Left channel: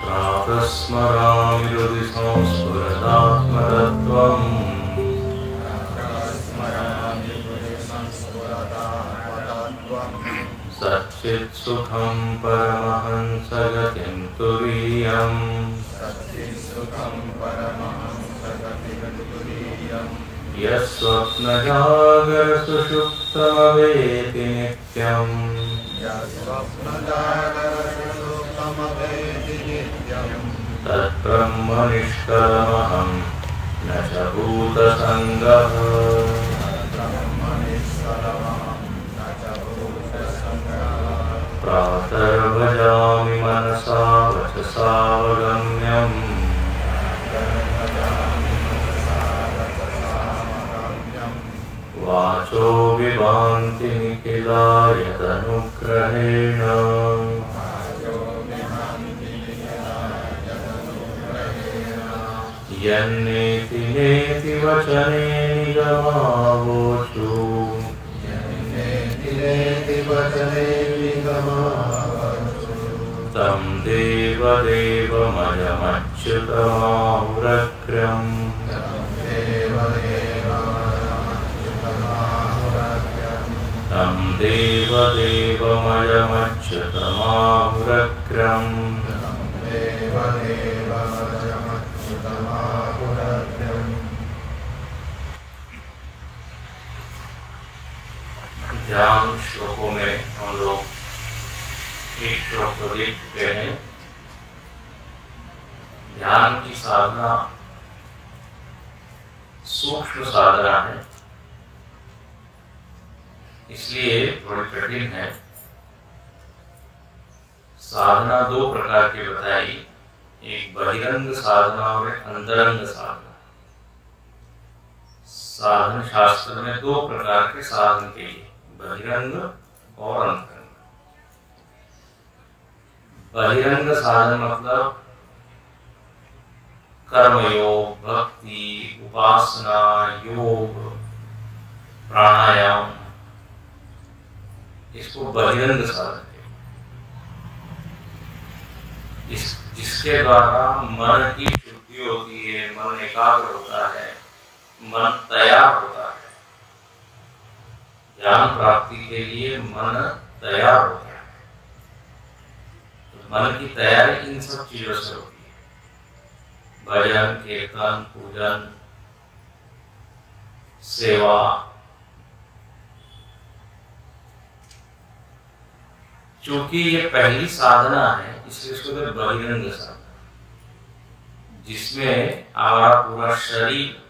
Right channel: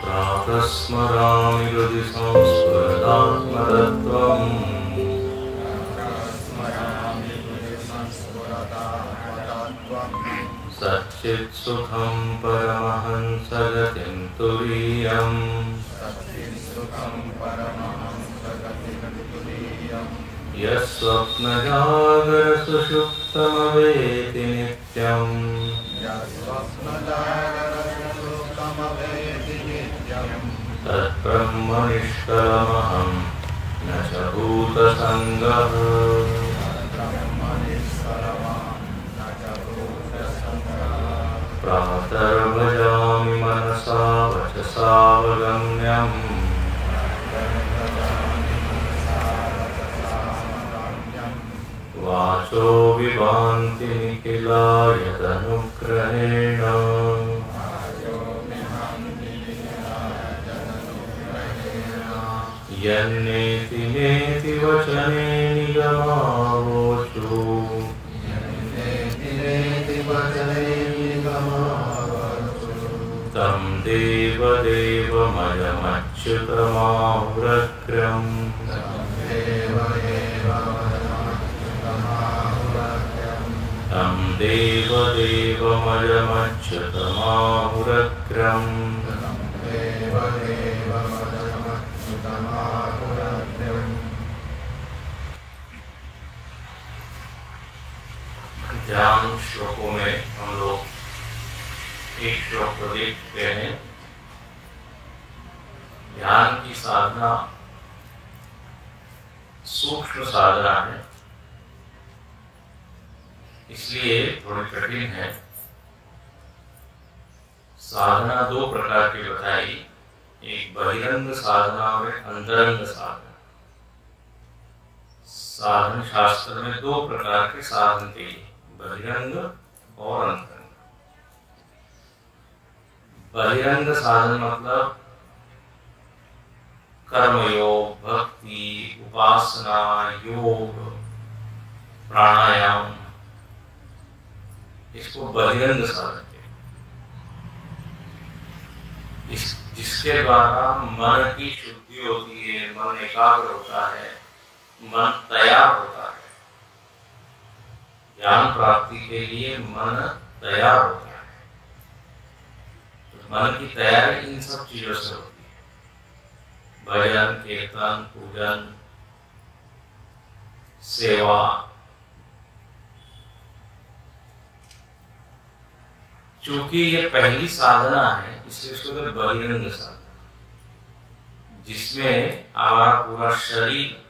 प्रातस्मरामि हृदि संस्फुरदात्मतत्त्वम् सच्चित्सुखं परमहंसगतिं तुरीयम् यस्वप्नजागरसुषुप्तमवेति नित्यम् तद्ब्रह्म निष्कलमहं न च भूतसङ्गः प्रातर्भजामि मनसा वचसा वगम्यम् वाचो विभान्ति निखिलायतनुग्रहेण यन्नेति नेति वचने निगमावोचु तं देवदेवमयमच्युतमाहुरग्रम् तं देवदेवमयमच्युतमाहुरग्रम् ध्यान श्लोकों में हम लोग एक श्लोक को देख चुके हैं। ध्यान की साधना सूक्ष्म साधना है, इसलिए थोड़ी कठिन है। साधना दो प्रकार की बताई, एक बहिरंग साधना और एक अंतरंग साधना। साधन शास्त्र में दो प्रकार के साधन के लिए, बहिरंग और अंतरंग। बहिरंग साधन मतलब कर्मयोग, भक्ति, उपासना, योग, प्राणायाम, इसको बहिरंग साधन कहते हैं। जिसके द्वारा मन की शुद्धि होती है, मन एकाग्र होता है, मन तैयार होता है। ज्ञान प्राप्ति के लिए मन तैयार होता है। तो मन की तैयारी इन सब चीजों से होती है, भजन, कीर्तन, पूजन, सेवा। चूंकि ये पहली साधना है, इसलिए इसको तो बहिरंग साधना, जिसमें हमारा पूरा शरीर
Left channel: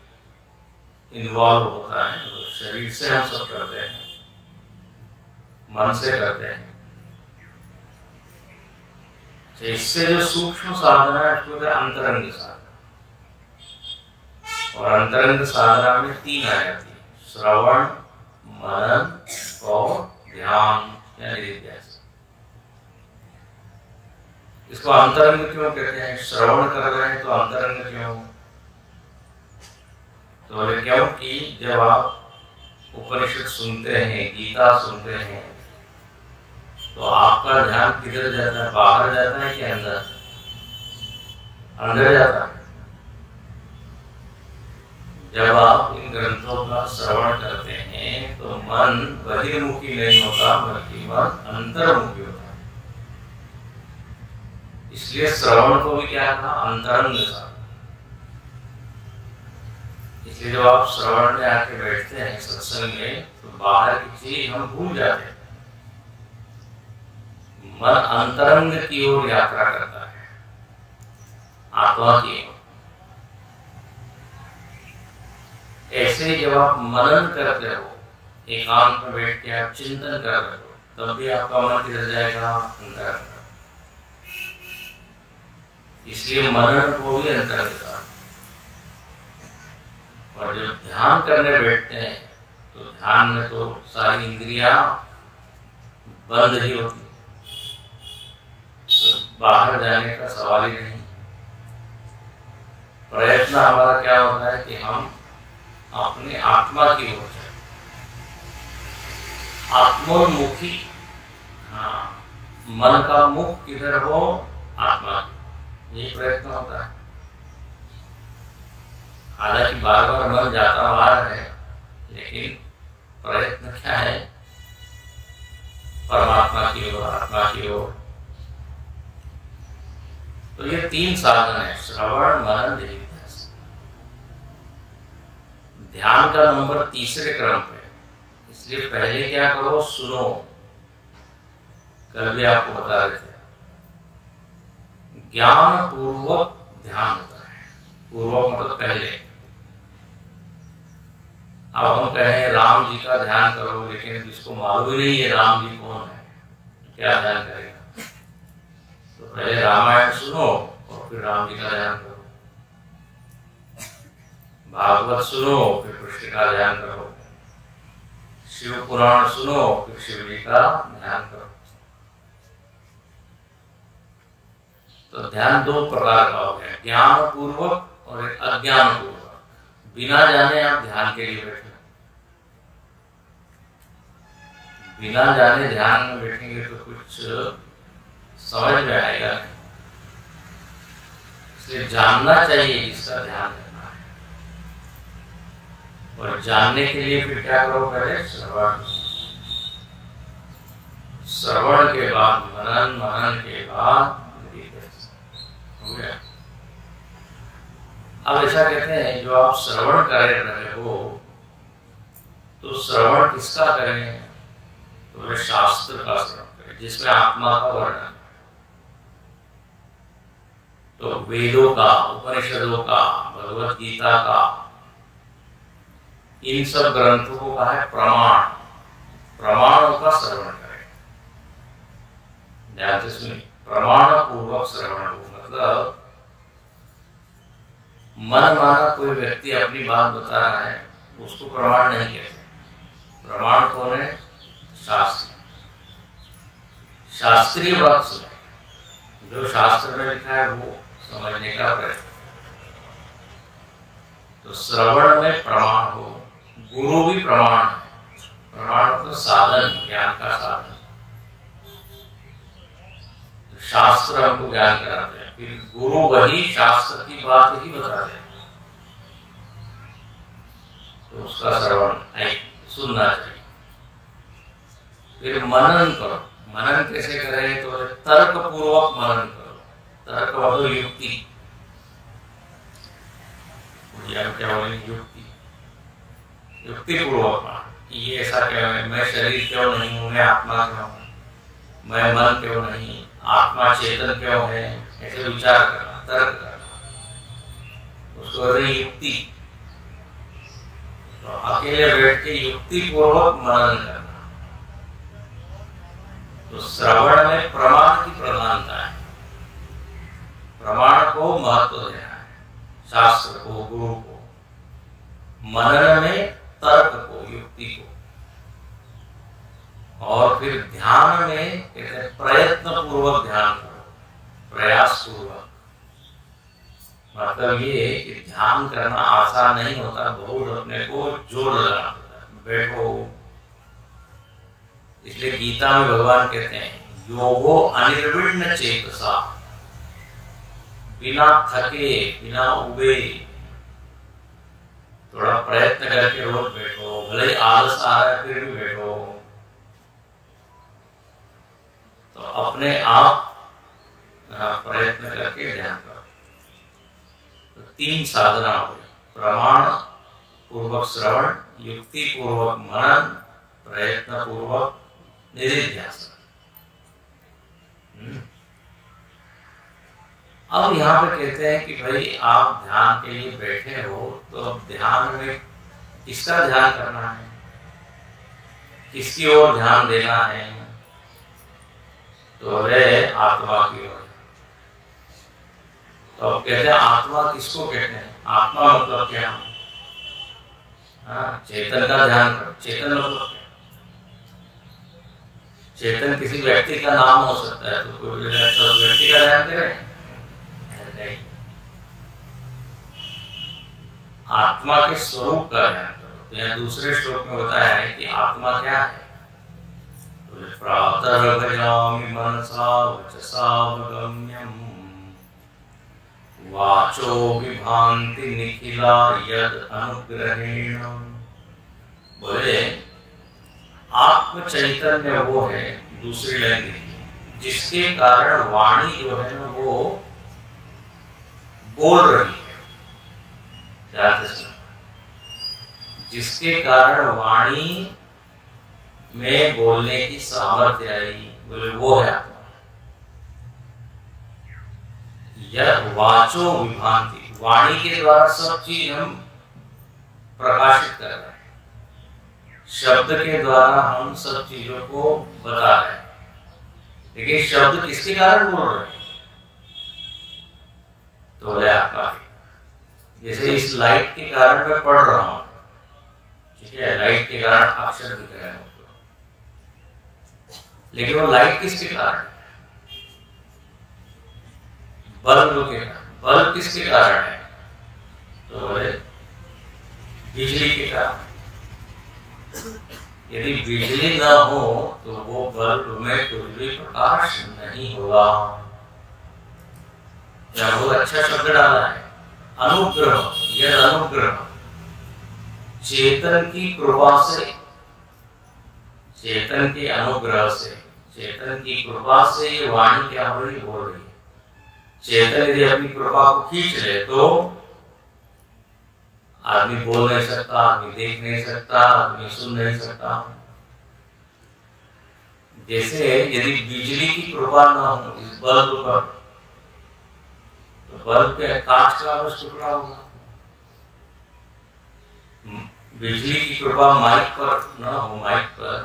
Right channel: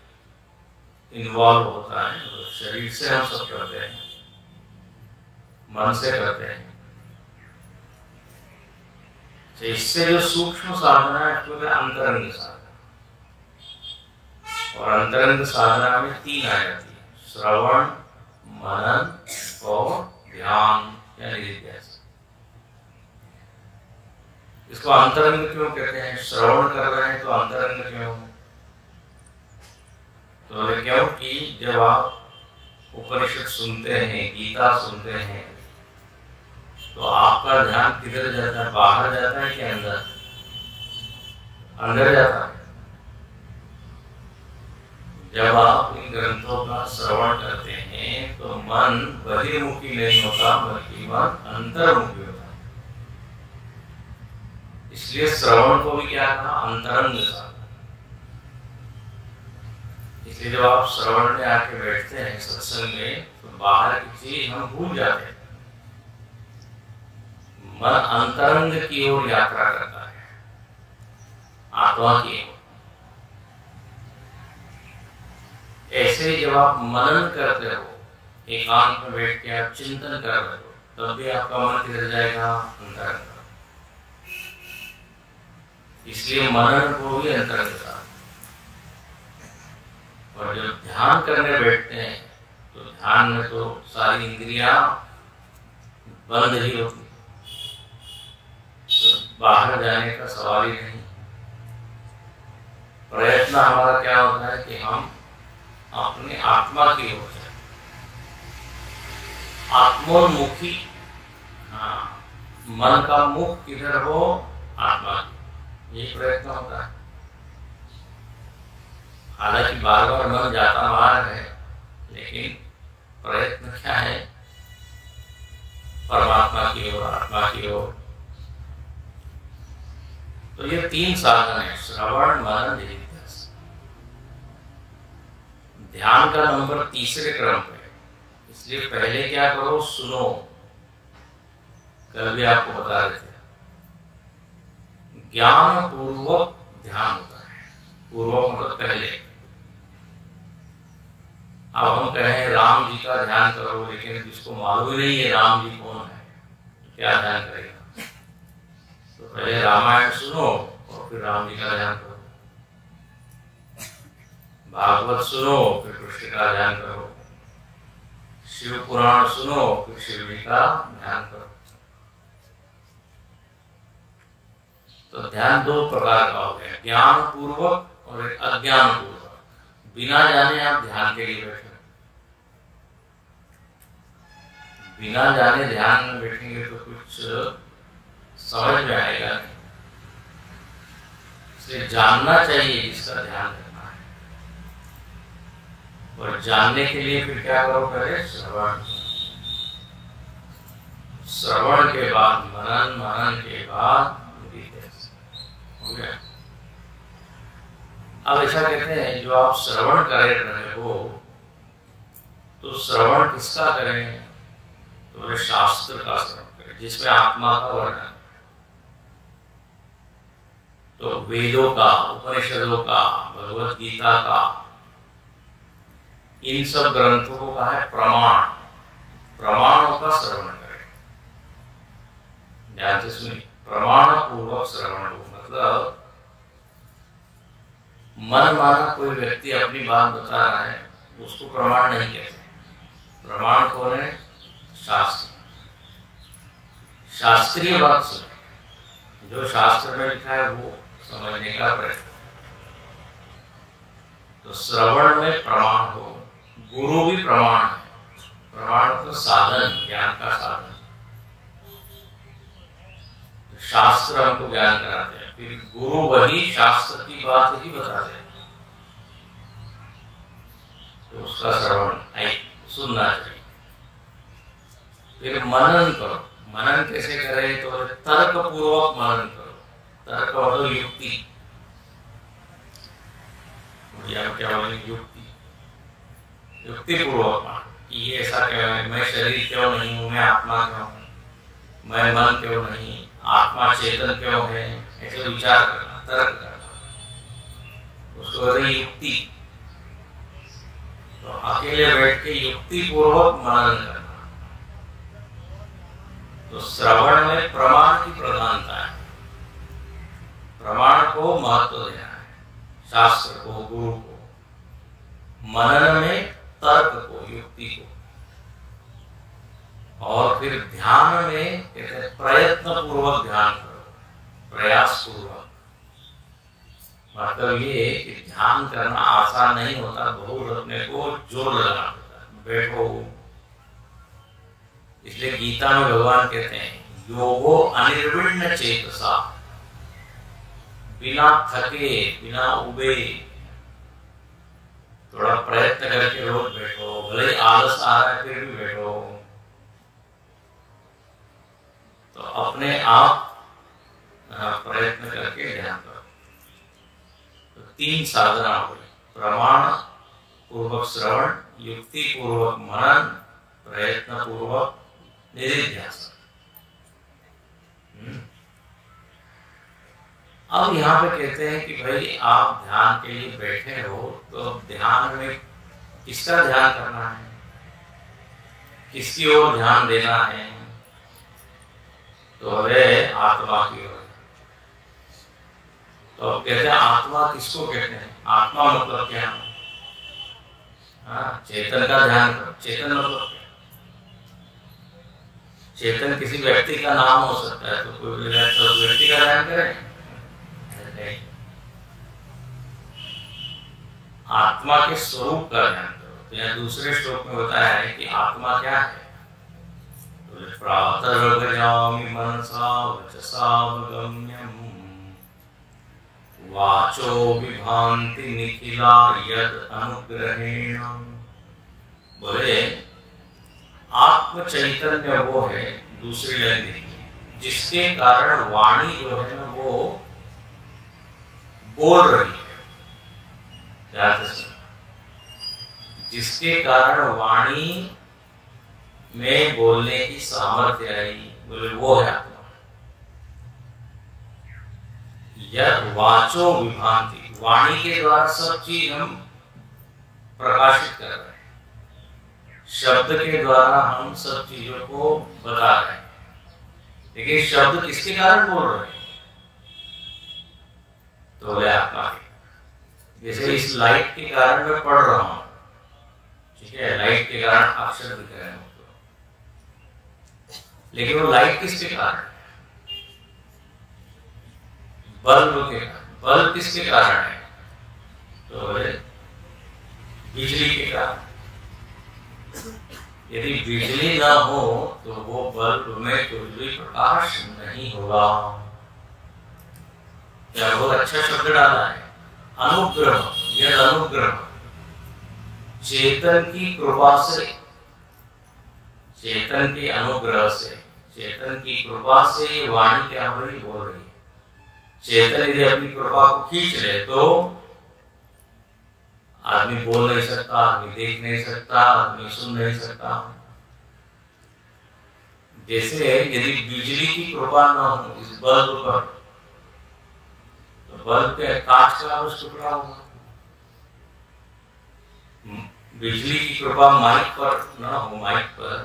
इन्वॉल्व होता है। तो शरीर से हम सब करते हैं, मन से करते हैं। तो इससे जो सूक्ष्म साधना है उसको अंतरंग साधना, और अंतरंग साधना में तीन आ जाती है, श्रवण, मनन और ध्यान या निधिध्यासन। इसको अंतरंग क्यों कहते हैं? श्रवण कर रहे हैं तो अंतरंग क्यों? तो बोले क्योंकि जब आप उपनिषद सुनते हैं, गीता सुनते हैं, तो आपका ध्यान किधर जाता है? बाहर जाता है कि अंदर? अंदर जाता है। जब आप इन ग्रंथों का श्रवण करते हैं तो मन बहिर्मुखी नहीं होता, बल्कि मन अंतर्मुखी होता है। इसलिए श्रवण को भी क्या कहा? अंतरंग साधना। इसलिए जब आप श्रवण में आके बैठते हैं सत्संग में, तो बाहर की चीज हम भूल जाते हैं, मन अंतरंग की ओर यात्रा करता है, आत्मा की ओर। ऐसे ही जब आप मनन करते हो, एकांत में बैठ के आप चिंतन कर रहे हो, तब भी आपका मन किधर जाएगा? अंतरंग। इसलिए मनन को भी अंतरंग साधना। और जब ध्यान करने बैठते हैं तो ध्यान में तो सारी इंद्रियां बंद ही होती, तो बाहर जाने का सवाल ही नहीं। प्रयत्न हमारा क्या होता है कि हम अपनी आत्मा की ओर जाए, आत्मोन्मुखी। हाँ, मन का मुख किधर हो? आत्मा की। ये प्रयत्न होता है। हालांकि बार बार मन जाता बाहर है, लेकिन प्रयत्न क्या है? परमात्मा की ओर, आत्मा की ओर। तो ये 3 साधन है, श्रवण, मनन, निधिध्यासन। ध्यान का नंबर तीसरे क्रम पे, इसलिए पहले क्या करो? सुनो। कल भी आपको बता रहे थे, ज्ञान पूर्वक ध्यान होता है। पूर्वक मतलब पहले। अब हम कहें राम जी का ध्यान करो, लेकिन जिसको मालूम ही नहीं है राम जी कौन है, तो क्या ध्यान करेगा? तो पहले रामायण सुनो और फिर राम जी का ध्यान करो। भागवत सुनो, फिर कृष्ण का ध्यान करो। शिव पुराण सुनो, फिर शिव जी का ध्यान करो। तो ध्यान 2 प्रकार का हो गया, ज्ञान पूर्वक और एक अज्ञान पूर्वक। बिना जाने आप ध्यान के लिए बैठे, बिना जाने ध्यान में बैठेंगे तो कुछ समझ में आएगा नहीं। इसलिए जानना चाहिए जिसका ध्यान करना है, और जानने के लिए फिर क्या करो? पहले श्रवण, श्रवण के बाद मनन, मनन के बाद हो गया। अब ऐसा कहते हैं, जो आप श्रवण कर रहे हो, तो श्रवण किसका करें? तो बोले शास्त्र का श्रवण करें, जिसमें आत्मा का वर्णन। तो वेदों का, उपनिषदों का, भगवत गीता का, इन सब ग्रंथों को कहा है प्रमाण। प्रमाणों का श्रवण करें। ध्यान से सुनिए, प्रमाण पूर्वक श्रवण हो, मतलब मन माना कोई व्यक्ति अपनी बात बता रहा है, उसको प्रमाण नहीं कहते। प्रमाण कौन है? शास्त्र। शास्त्रीय बात सुने, जो शास्त्र में लिखा है वो समझने का प्रयत्न। तो श्रवण में प्रमाण हो, गुरु भी प्रमाण है। प्रमाण तो साधन, ज्ञान का साधन। तो शास्त्र हमको ज्ञान कराते हैं, फिर गुरु वही शास्त्र की बात ही बताते हैं, तो उसका श्रवण सुनना चाहिए। फिर मनन करो। मनन कैसे करें? तो तर्क पूर्वक मनन करो। तर्क मतलब युक्ति। क्या बोलेंगे? युक्ति। युक्ति पूर्वक मनन। ये ऐसा क्यों है? मैं शरीर क्यों नहीं हूं? मैं आत्मा क्यों हूं? मैं मन क्यों नहीं? आत्मा चेतन क्यों है? ऐसे विचार करना, तर्क करना, उसको कहते हैं युक्ति। तो अकेले बैठ के युक्ति पूर्वक मनन करना। तो श्रवण में प्रमाण की प्रधानता है। प्रमाण को महत्व देना है, शास्त्र को, गुरु को। मनन में तर्क को, युक्ति को। और फिर ध्यान में कहते हैं प्रयत्न पूर्वक ध्यान करो, प्रयास पूर्वक। मतलब ये कि ध्यान करना आसान नहीं होता, बहुत अपने को जोर लगाना होता है। बैठो, इसलिए गीता में भगवान कहते हैं योगो अनिर्विण्ण चेतसा, बिना थके, बिना उबे, थोड़ा प्रयत्न करके रोज बैठो। भले ही आलस आ रहा है फिर भी बैठो, तो अपने आप प्रयत्न करके ध्यान करो। तो 3 साधना हो गई, प्रमाण पूर्वक श्रवण, युक्ति पूर्वक मनन, प्रयत्न पूर्वक निधिध्यासन। अब यहाँ पे कहते हैं कि भाई आप ध्यान के लिए बैठे हो, तो ध्यान में किसका ध्यान करना है, किसकी ओर ध्यान देना है? तो है आत्मा की ओर। तो अब कहते हैं आत्मा किसको कहते हैं? आत्मा मतलब क्या? चेतन का ध्यान करो। चेतन मतलब क्या? चेतन किसी व्यक्ति का नाम हो सकता है, तो कोई बोलेगा चलो व्यक्ति का ध्यान करें। आत्मा के स्वरूप का ध्यान करो। तो यहाँ दूसरे श्लोक में बताया है कि आत्मा क्या है। तो प्रातर्भजामि मनसा वचसा गम्यम, वाचो विभांति निखिला यद अनुग्रहेण। बोले आत्म चैतन्य वो है, दूसरी लाइन देखिए, जिसके कारण वाणी जो है ना वो बोल रही है। ध्यान से सुनो, जिसके कारण वाणी में बोलने की सामर्थ्य आई, बोले वो है आत्मा। यह वाचो विभांति, वाणी के द्वारा सब चीज हम प्रकाशित कर रहे हैं, शब्द के द्वारा हम सब चीजों को बता रहे हैं, लेकिन शब्द किसके कारण बोल रहे हैं? तो बोले आत्मा के। जैसे इस लाइट के कारण मैं पढ़ रहा हूं, ठीक है, लाइट के कारण अक्षर दिख रहे हैं, लेकिन वो लाइट किसके कारण है? बल्ब के कारण। बल्ब किसके कारण है? तो बोले बिजली के कारण। यदि बिजली न हो तो वो बल्ब में कुछ भी प्रकाश नहीं होगा। यह बहुत अच्छा शब्द डाला है, अनुग्रह। यह अनुग्रह चेतन की कृपा से, चेतन के अनुग्रह से, चेतन की कृपा से ये वाणी क्या हो रही, बोल रही है। चेतन यदि अपनी कृपा को खींच ले तो आदमी बोल नहीं सकता, आदमी देख नहीं सकता, आदमी सुन नहीं सकता। जैसे यदि बिजली की कृपा न हो इस बल्ब पर, तो बल्ब के कांच का बस टुकड़ा होगा। बिजली की कृपा माइक पर न हो, माइक पर,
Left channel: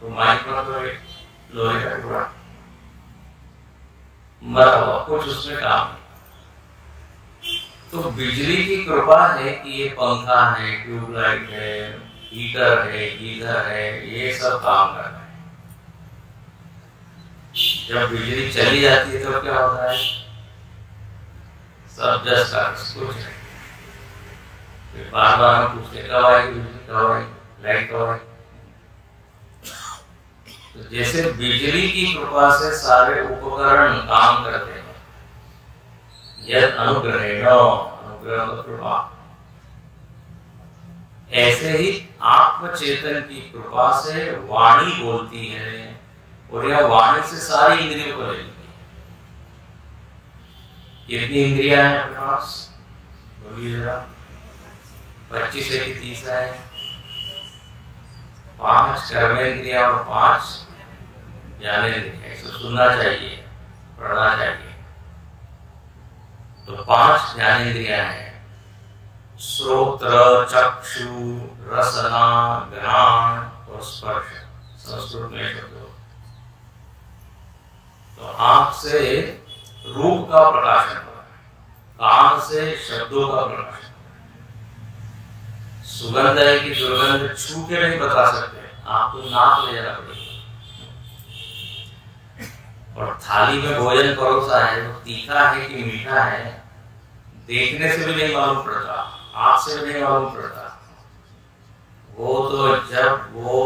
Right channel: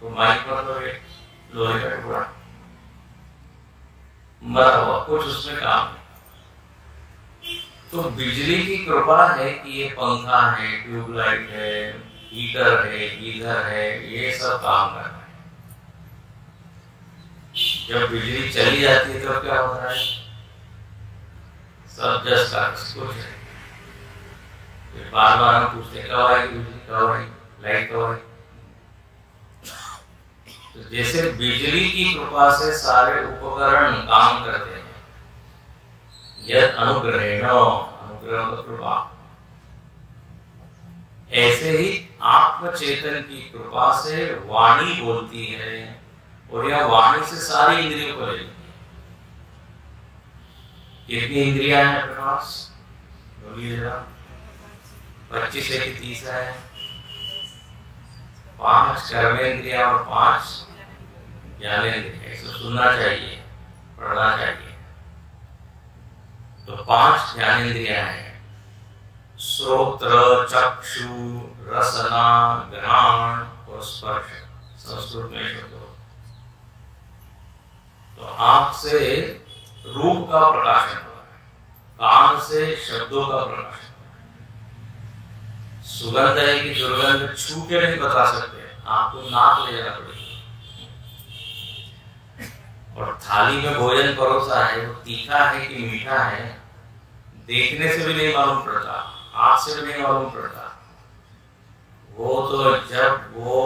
तो माइक पर तो एक लोहे का टुकड़ा मरा हुआ, कुछ उसमें काम। तो बिजली की कृपा है कि ये पंखा है, ट्यूबलाइट है, हीटर है, गीजर है, ये सब काम कर रहे हैं। जब बिजली चली जाती है तब क्या होता है? सब जस का कुछ है। बार बार हम पूछते कब आएगी बिजली, कब आएगी, लाइट कब आएगी। तो जैसे बिजली की कृपा से सारे उपकरण काम करते हैं, यद अनुग्रहेण, अनुग्रह कृपा, ऐसे ही आत्मचेतन की कृपा से वाणी बोलती है, और यह वाणी से सारी इंद्रियों को लेती है। कितनी इंद्रियां हैं प्रकाश? बोलिए जरा। 25 है कि 30 है? 5 कर्मेंद्रियां और 5 ज्ञानेंद्रियां। ऐसे सुनना चाहिए, पढ़ना चाहिए। तो 5 ज्ञानेंद्रियां हैं, श्रोत्र, चक्षु, रसना, घ्राण और स्पर्श। संस्कृत में शब्द। तो आंख से रूप का प्रकाशन हो रहा है, कान से शब्दों का प्रकाशन हो रहा है। सुगंध है कि दुर्गंध छू के नहीं बता सकते, आपको नाक ले जाना पड़ेगा। और थाली में भोजन परोसा है, वो तीखा है कि मीठा है, देखने से भी नहीं मालूम पड़ता, आंख से भी नहीं मालूम पड़ता। वो तो जब वो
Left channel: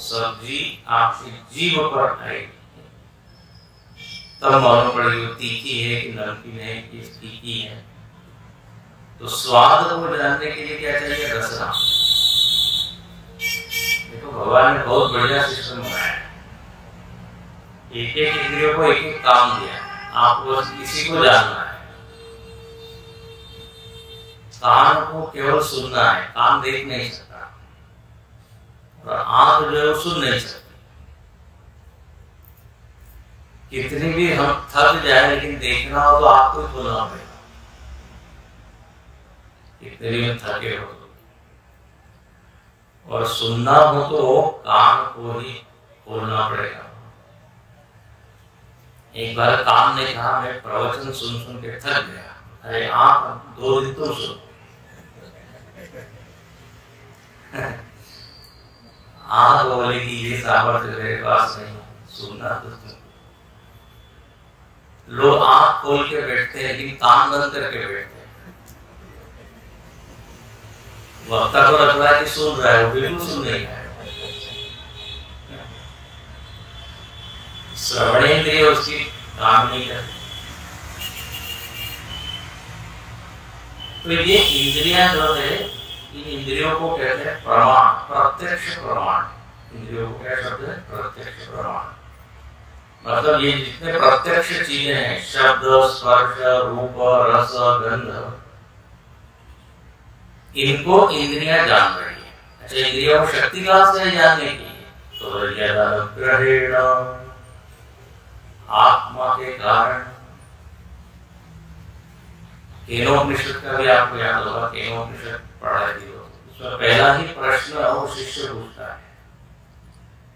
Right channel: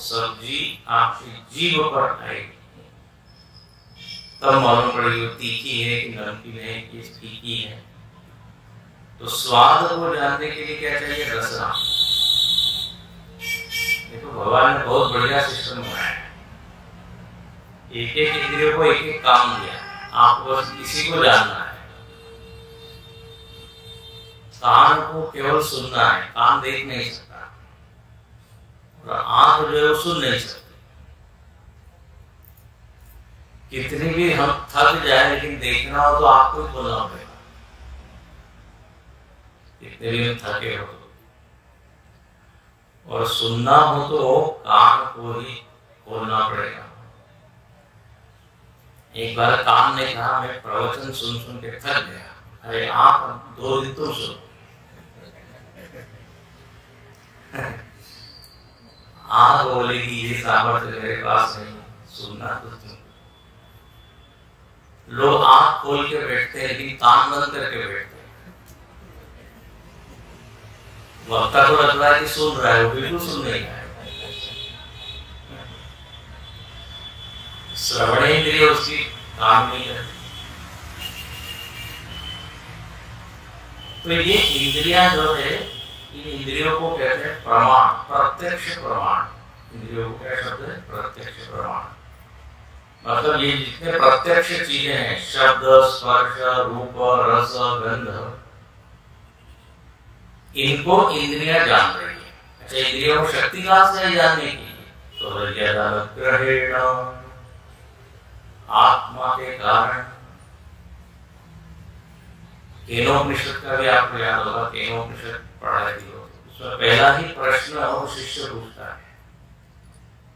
सब्जी आपकी जीभ पर आएगी तब मालूम पड़ेगी वो तीखी है कि नमकीन है कि फीकी है। तो स्वाद को जानने के लिए क्या चाहिए? रसना। देखो भगवान ने बहुत बढ़िया सिस्टम बनाया है, एक एक इंद्रियों को एक एक काम दिया है, आपको बस इसी को जानना है। कान को केवल सुनना है, कान देख नहीं सकता, और आंख जो है वो सुन नहीं सकती। कितनी भी हम थक जाए लेकिन देखना हो तो आपको ही खोलना पड़ेगा, कितने भी हम थके हो। और सुनना हो तो कान को ही खोलना पड़ेगा। एक बार कान ने कहा मैं प्रवचन सुन सुन के थक गया। अरे आप 2 दिन तुम सुनो। आंख बोलेगी ये सामर्थ्य मेरे पास नहीं, सुनना तो तुम। लोग आंख खोल के बैठते हैं लेकिन कान बंद करके बैठते हैं। वक्ता को लग रहा है कि सुन रहा है, वो बिल्कुल सुन नहीं रहा है। श्रवणेंद्रिय उसकी काम नहीं करती। तो ये इंद्रियां जो है, इन इंद्रियों को कहते हैं प्रमाण, प्रत्यक्ष प्रमाण। इंद्रियों को क्या शब्द है? प्रत्यक्ष प्रमाण। मतलब ये जितने प्रत्यक्ष चीजें हैं, शब्द, स्पर्श, रूप, रस, गंध, इनको इंद्रियां जान रही है। अच्छा, इंद्रियों को शक्ति कहां से जानने की? तो यदनुग्रहेण, आत्मा के कारण। केनोपनिषद का भी आपको याद होगा, केनोपनिषद पढ़ाई थी, उसमें पहला ही प्रश्न वो शिष्य पूछता है,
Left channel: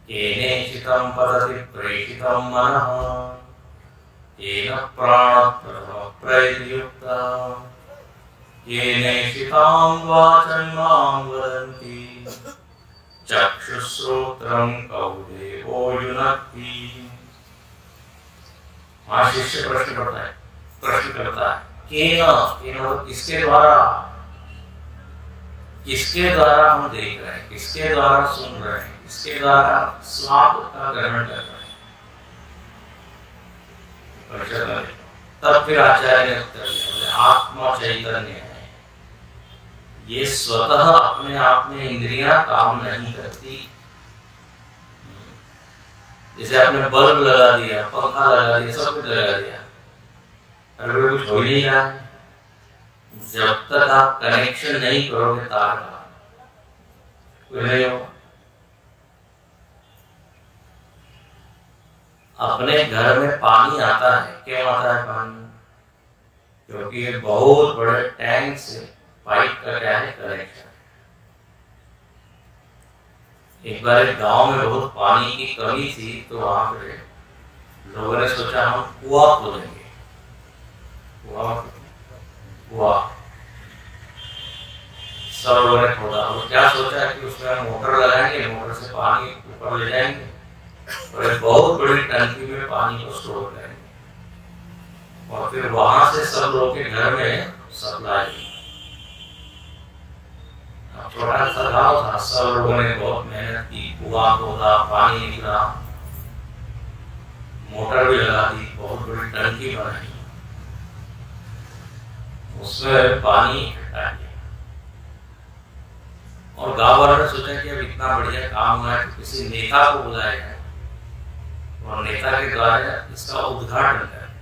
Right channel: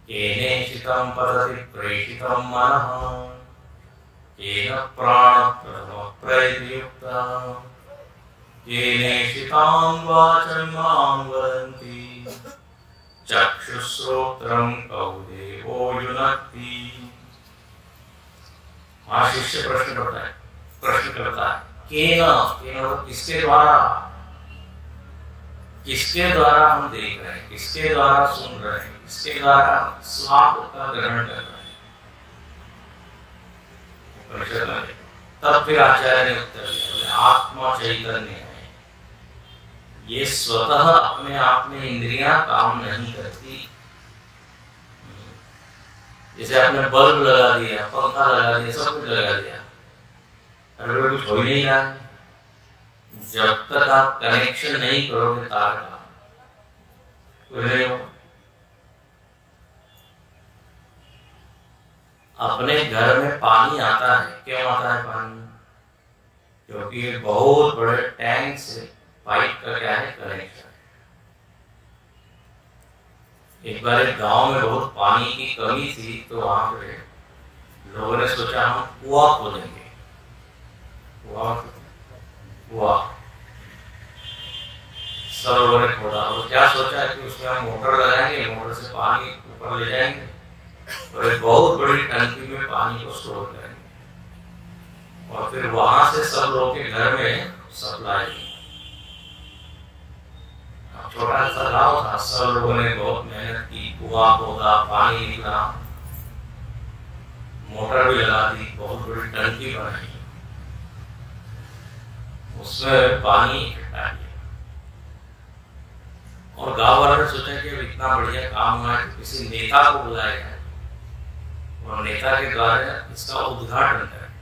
केनेषितं पतति प्रेषितं मनः, केन प्राणः प्रयुक्तः, केनेषितां वाचमिमां वदन्ति, चक्षुश्रोत्रं कौ देवो युनक्ति। वहां शिष्य प्रश्न करता है, केन किसके द्वारा? किसके द्वारा हम देख रहे हैं, किसके द्वारा सुन रहे हैं, किसके द्वारा स्वाद का ग्रहण कर रहे हैं? तब फिर आचार्य ने उत्तर दिया, बोले आत्मा चैतन्य है, ये स्वतः अपने आप में इंद्रियां काम नहीं करती। जैसे आपने बल्ब लगा दिया, पंखा लगा दिया, सब कुछ लगा दिया, अरे कुछ हो नहीं रहा है। जब तक आप कनेक्शन नहीं करोगे तार का, कुछ नहीं होगा। अपने घर में पानी आता है, क्यों आता है पानी? क्योंकि ये बहुत बड़े टैंक से पाइप का क्या है, कनेक्शन। एक बार एक गांव में बहुत पानी की कमी थी, तो वहां पे लोगों ने सोचा हम कुआं खोदेंगे। कुआं सब लोगों ने खोदा, और क्या सोचा कि उसमें हम मोटर लगाएंगे, मोटर से पानी ऊपर ले जाएंगे और एक बहुत बड़ी टंकी में पानी को स्टोर करेंगे, और फिर वहां से सब लोगों के घर में सप्लाई। छोटा सा गाँव था, सब लोगों ने बहुत मेहनत की, कुआं खोदा, पानी निकला, मोटर भी लगा दी, बहुत बड़ी टंकी बनाई, उसमें पानी इकट्ठा किया। और गांव वालों ने सोचा कि अब इतना बढ़िया काम हुआ है तो किसी नेता को बुलाया जाए, और नेता के द्वारा इसका उद्घाटन करें।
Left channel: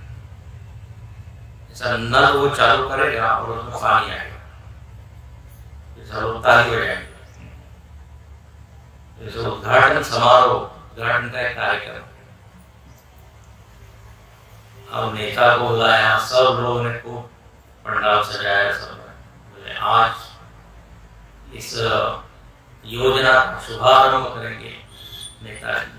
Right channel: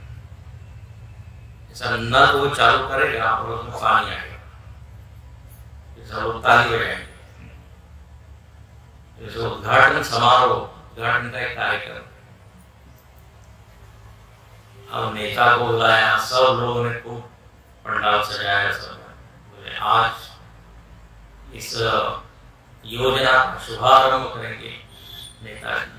ऐसा नल वो चालू करेगा और उसमें पानी आएगा, सब ताली बजाएंगे। जैसे उद्घाटन समारोह, उद्घाटन का एक कार्यक्रम। अब नेता को बुलाया, सब लोगों ने खूब पंडाल सजाया, सब बोले आज इस योजना का शुभारंभ करेंगे नेताजी।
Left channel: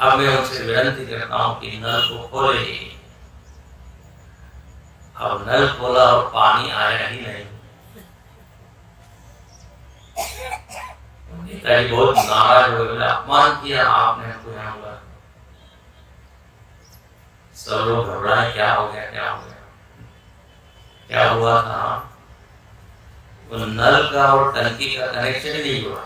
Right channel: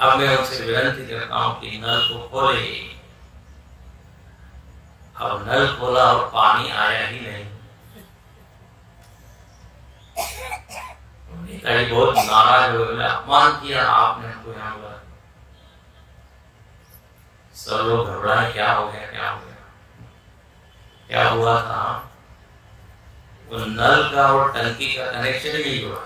अब मैं उनसे विनती करता हूं कि नल को खोले। अब नल खोला और पानी आया ही नहीं। नेताजी बहुत नाराज हो गए, अपमान किया आपने हमको यहाँ बुलाया। सब लोग घबराए, क्या हो गया, क्या हो गया, क्या हुआ था? वो नल का और टंकी का कनेक्शन ही नहीं हुआ,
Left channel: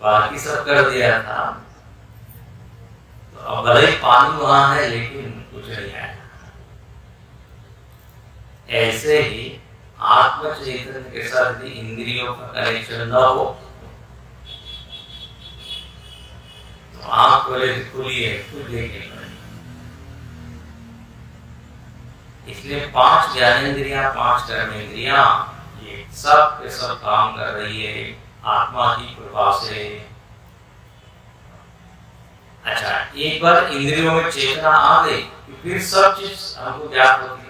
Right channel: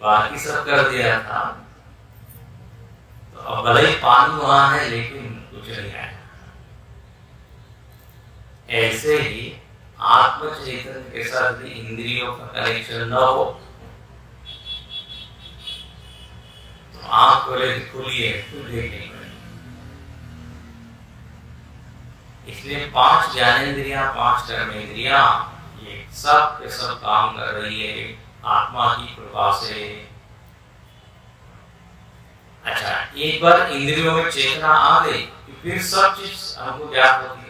बाकी सब कर दिया था। तो अब भले ही पानी वहां है लेकिन कुछ नहीं है। ऐसे ही आत्म चैतन्य के साथ यदि इंद्रियों का कनेक्शन न हो तो आंख खोले खुली है, कुछ देख नहीं पाए। इसलिए 5 ज्ञानेंद्रियां, 5 कर्मेंद्रियां, ये सब के सब काम कर रही है आत्मा की कृपा से। अच्छा, एक बार इंद्रियों में चेतना आ गई कि फिर सब चीज हमको ज्ञात होती है।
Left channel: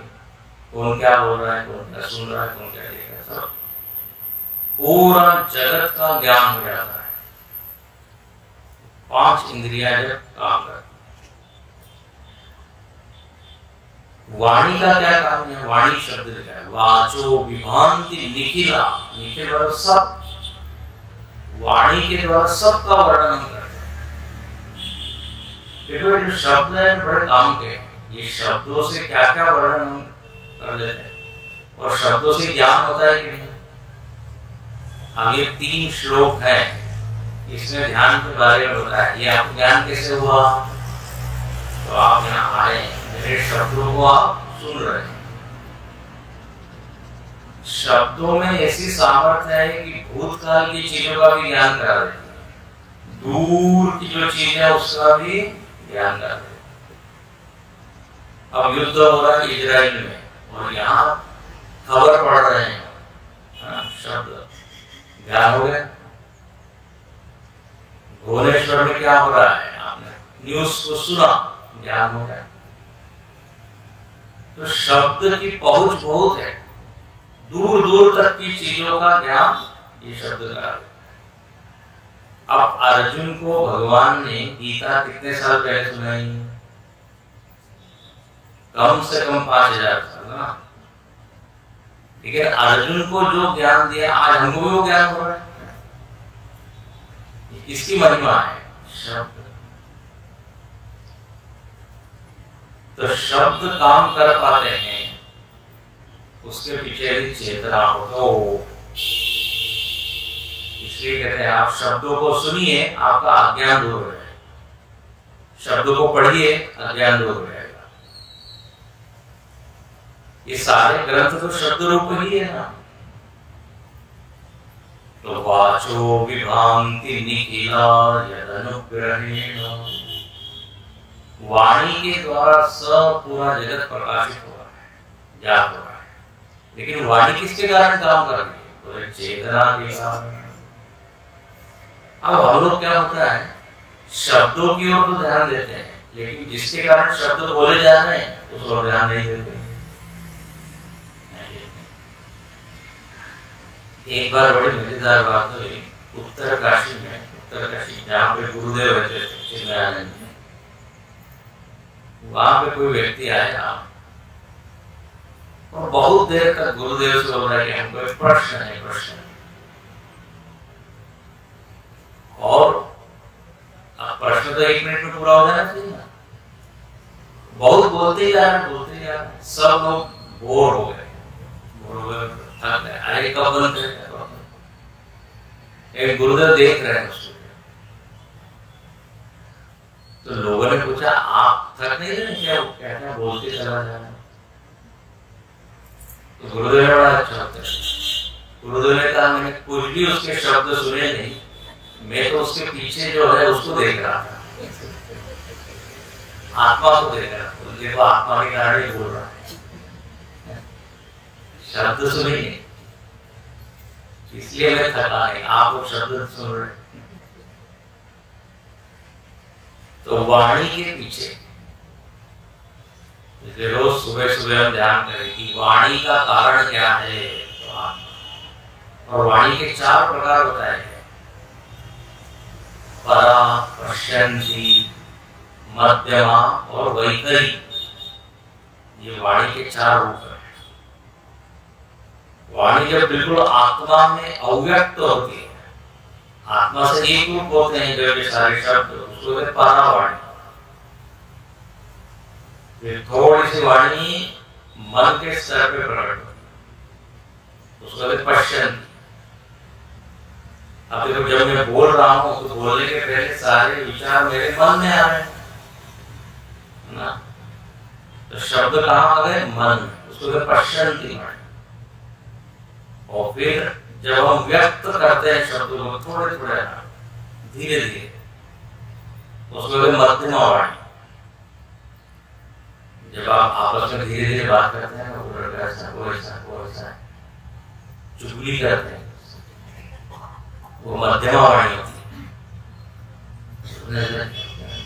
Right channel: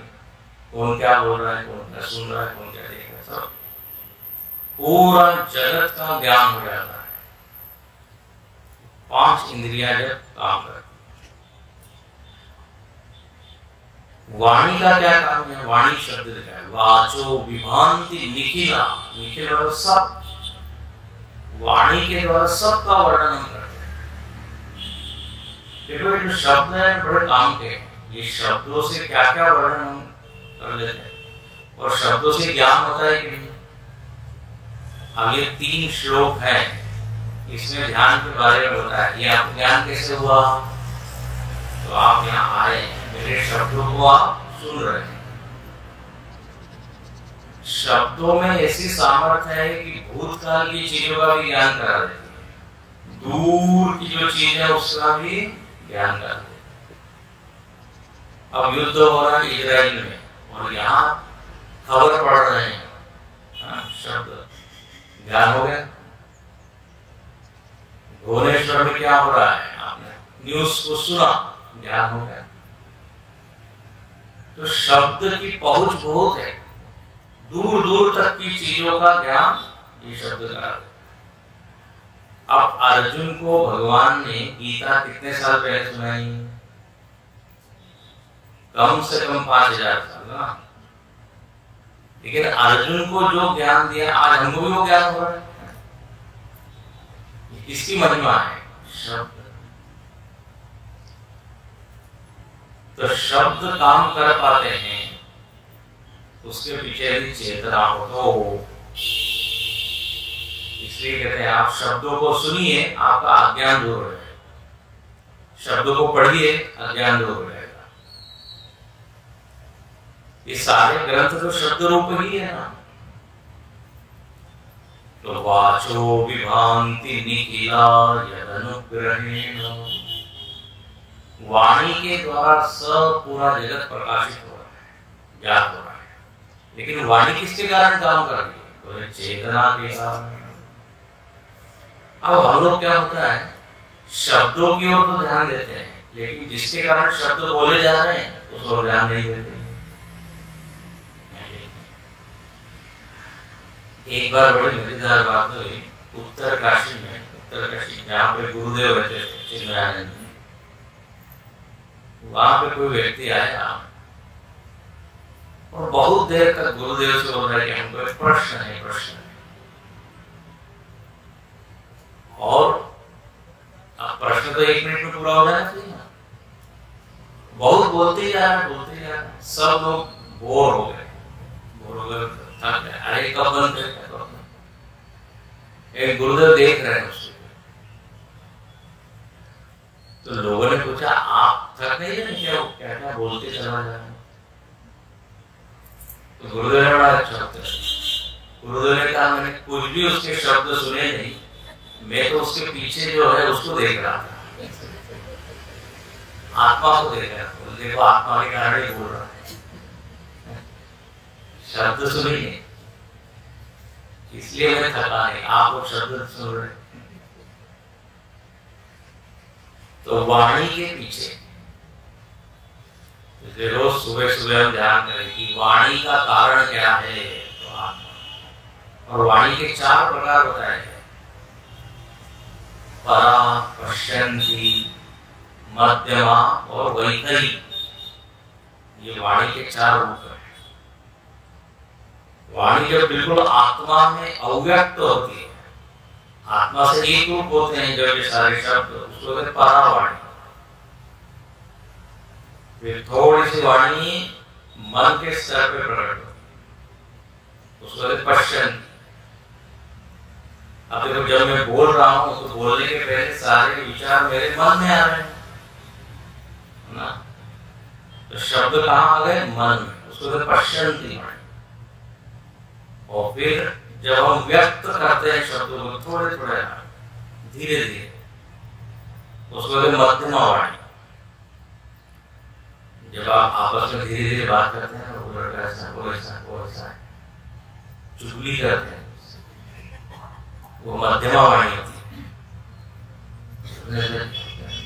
कौन क्या बोल रहा है, कौन क्या सुन रहा है, कौन क्या देख रहा है, सब पूरा जगत का ज्ञान हो जाता है। 5 इंद्रियां जब काम करती। वाणी का क्या काम है? वाणी शब्द लिखा है, वाचो विभांति निखिला, निखिल और सब। वाणी के द्वारा सबका वर्णन हम करते हैं। देखो जो शब्द है बड़े काम के, ये शब्दों से क्या क्या वर्णन हम कर लेते हैं, और शब्दों से ज्ञान होता है कि नहीं। अब ये 3 श्लोक हैं, इसमें ध्यान के बारे में बताया। ये आपको ज्ञान कैसे हुआ? तो आप यहाँ आए, मेरे शब्दों को आप सुन रहे हैं। शब्दों में ऐसी सामर्थ्य है कि भूतकाल की चीजों का भी ज्ञान करा देती है, दूर की जो चीज है उसका भी ज्ञान करा देती है। अब युद्ध हो रहा है इजराइल में और यहाँ खबर पढ़ रहे हैं, शब्द ज्ञान हो गया। भुवनेश्वर में क्या हो रहा है, आपने न्यूज को सुना, ज्ञान हो गया। तो शब्द की पहुंच बहुत है, दूर दूर तक की चीजों का ज्ञान ये शब्द करा। अब अर्जुन को भगवान ने गीता कितने साल पहले सुनाई? कम से कम 5000 साल ना। लेकिन अर्जुन को जो ज्ञान दिया, आज हमको भी वो ज्ञान हो रहा है। ये किसकी महिमा है? शब्द। तो शब्द काम कर पाते हैं, उसके पीछे भी चेतना हो। तो इसलिए कहते हैं आप शब्दों को सुनिए, आपका अज्ञान दूर हो जाएगा। शब्दों को पढ़िए, अज्ञान दूर हो जाएगा। ये सारे ग्रंथ तो शब्द रूप ही है ना। तो वाचो विभांति निखिला यदनुग्रहेण, वाणी के द्वारा सब पूरा जगत प्रकाशित हो रहा है, ज्ञात हो रहा है। लेकिन वाणी किसके कारण काम कर रही है? तो चेतना के कारण। अब हम लोग क्या होता है, शब्दों की ओर तो ध्यान देते हैं, लेकिन जिसके कारण शब्द बोले जा रहे हैं उस ओर ध्यान नहीं देते। एक बार बड़ी मजेदार बात हुई उत्तरकाशी में, उत्तरकाशी जहाँ पे गुरुदेव रहते थे चिन्मयानंद में, वहां पे कोई व्यक्ति आया और बहुत देर तक गुरुदेव से बोल रहा है कि हमको एक प्रश्न है, प्रश्न। और अब प्रश्न तो 1 मिनट में पूरा हो जाना चाहिए ना। बहुत बोलते ही जा रहे, बोलते ही जा रहे, सब लोग बोर हो गए, थक गए। अरे कब बंद करें? एक गुरुदेव देख रहे हैं उसको। तो लोगों ने पूछा आप थक नहीं रहे क्या? क्या क्या बोलते चला जा रहा है? तो गुरुदेव ने बड़ा अच्छा उत्तर दिया। गुरुदेव ने कहा मैंने कुछ भी उसके शब्द सुने नहीं, मैं तो उसके पीछे जो है उसको देख रहा था, आत्मा को देख रहा था। देखो आत्मा के कारण ही बोल रहा है, शब्द सुनिए, इसलिए मैं थका है, आप लोग शब्द सुन रहे। तो वाणी के पीछे रोज सुबह सुबह हम ध्यान करें कि वाणी का कारण क्या है। तो और वाणी के 4 प्रकार बताए गए, परा, पश्यन्ति, मध्यमा और वैखरी। ये वाणी के 4 रूप है। वाणी जब बिल्कुल आत्मा में अव्यक्त होती है, आत्मा से एक रूप होते हैं जो ये सारे शब्द, उसको कहते परावाणी। फिर थोड़ी सी वाणी मन के स्तर पे प्रकट होती है, उसको कहते पश्यन्ति। अब देखो जब मैं बोल रहा हूं तो बोलने के पहले सारे विचार मेरे मन में आ रहे हैं ना। तो शब्द कहाँ आ गए? मन में, उसको कहते पश्यन्ति। और फिर जब हम व्यक्त करते हैं शब्दों को थोड़े थोड़े धीरे धीरे, उसको मध्यमा वाणी। जब आप आपस में धीरे धीरे बात करते हैं चुगली करते हैं, वो मध्यमा वाणी होती है।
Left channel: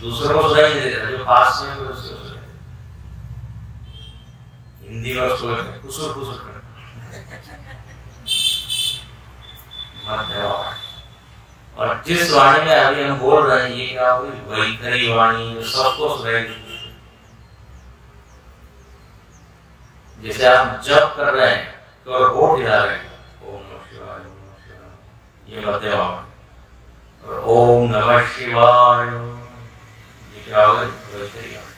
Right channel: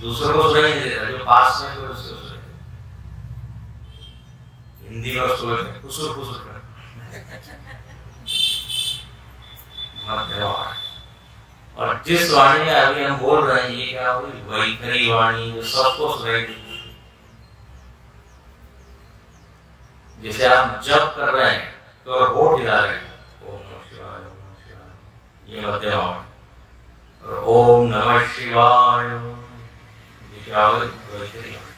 दूसरों को सुनाई नहीं देता, जो पास में कोई उसको सुनाई देता। हिंदी में उसको खुसुर खुसुर कर मध्यमा वाणी। और जिस वाणी में अभी हम बोल रहे हैं ये क्या होगी? वैखरी वाणी, सबको सुनाई देती। जैसे आप जप कर रहे हैं तो होठ हिला रहे हैं, ओम नमः शिवाय, ओम नमः शिवाय, ये मध्यमा वाणी। और ओम नमः शिवाय ये क्या होगा? वैखरी वाणी।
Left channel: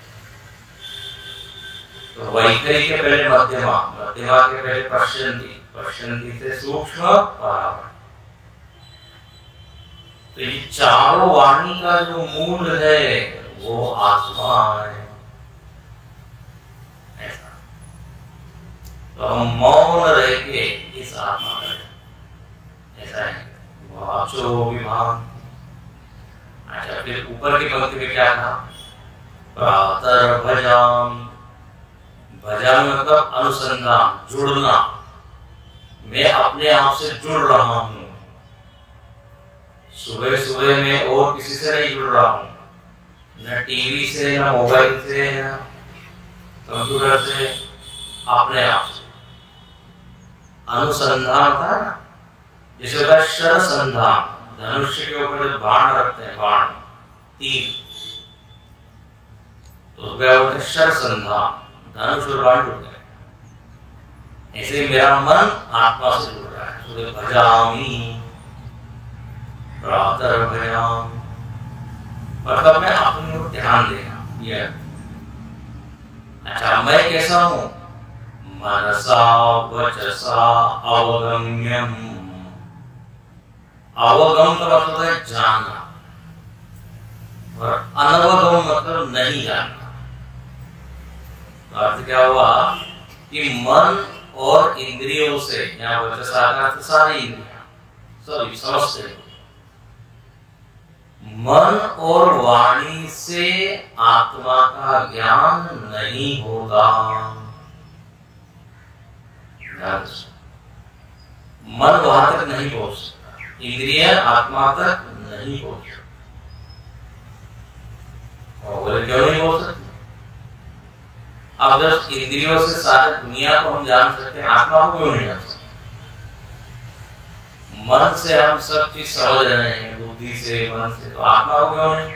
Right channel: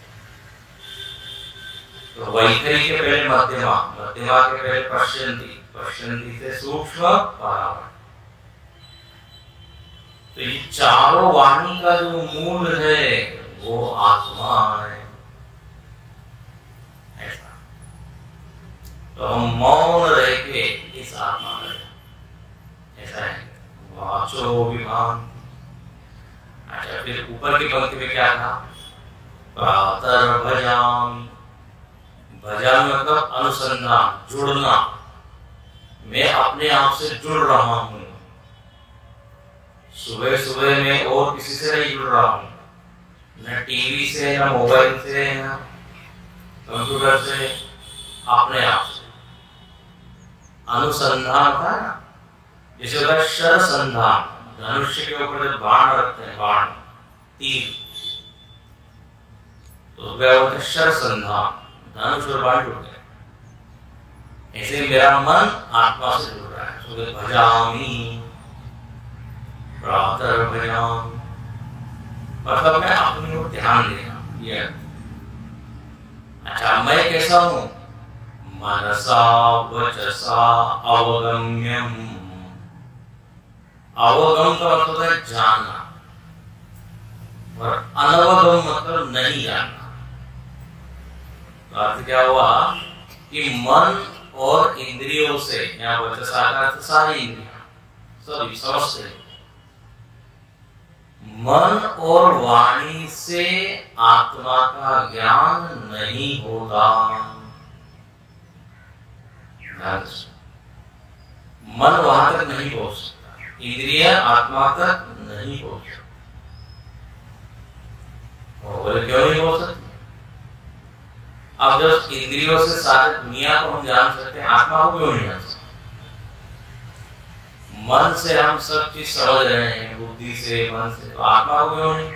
तो वैखरी के पहले मध्यमा, मध्यमा के पहले पश्यन्ति, पश्यन्ति से सूक्ष्म परावाणी। तो ये चारों वाणी का जो मूल है वो आत्मा है। तो हम मौन रह के इस आत्मा का ऐसा है वाचो विभान। अच्छा, फिर ऊपर की पंक्ति में क्या कहा? प्रातर भजाम। भजाम मतलब अनुसंधान, जुड़ना। मैं अपने आप से जुड़ रहा हूं। सुबह सुबह में और किसी से नहीं जुड़ रहा हूं, न टीवी से, न मोबाइल से, न कंप्यूटर से, अपने आप से। अनुसंधान होता है ना, जैसे होता है शर संधान, धनुष्य के ऊपर जब बाण रखते हैं, बाण तीर, तो वह होता है शर संधान, धनुष और बाण जुड़ गए। ऐसे ही मेरा मन आत्मा से जुड़ रहा है। सुबह भजामी, प्रातः भजाम, मतलब मैं अपने को ध्यान दे रहा हूं। ये अच्छा, मैं कैसा हूं? मनसा वचसा अवगम्यम। अवगम का मतलब है जानना, और अनवगम मतलब नहीं जानना। तो अर्थ क्या हुआ कि मन और इंद्रियों से, या वचसा का अर्थ सारी इंद्रियां, सभी समझते हैं, मन और वाणी से आत्मा का ज्ञान नहीं होगा। मन वहां तक नहीं पहुंच सकता, इंद्रिय आत्मा तक नहीं पहुंच सकती। और बोले क्यों नहीं पहुंच सकती? अब जब इंद्रियों से सारी दुनिया को हम जान सकते हैं, आत्मा को क्यों नहीं जान सकते? मन से हम सब चीज समझ रहे हैं, बुद्धि से, मन से, तो आत्मा को क्यों नहीं?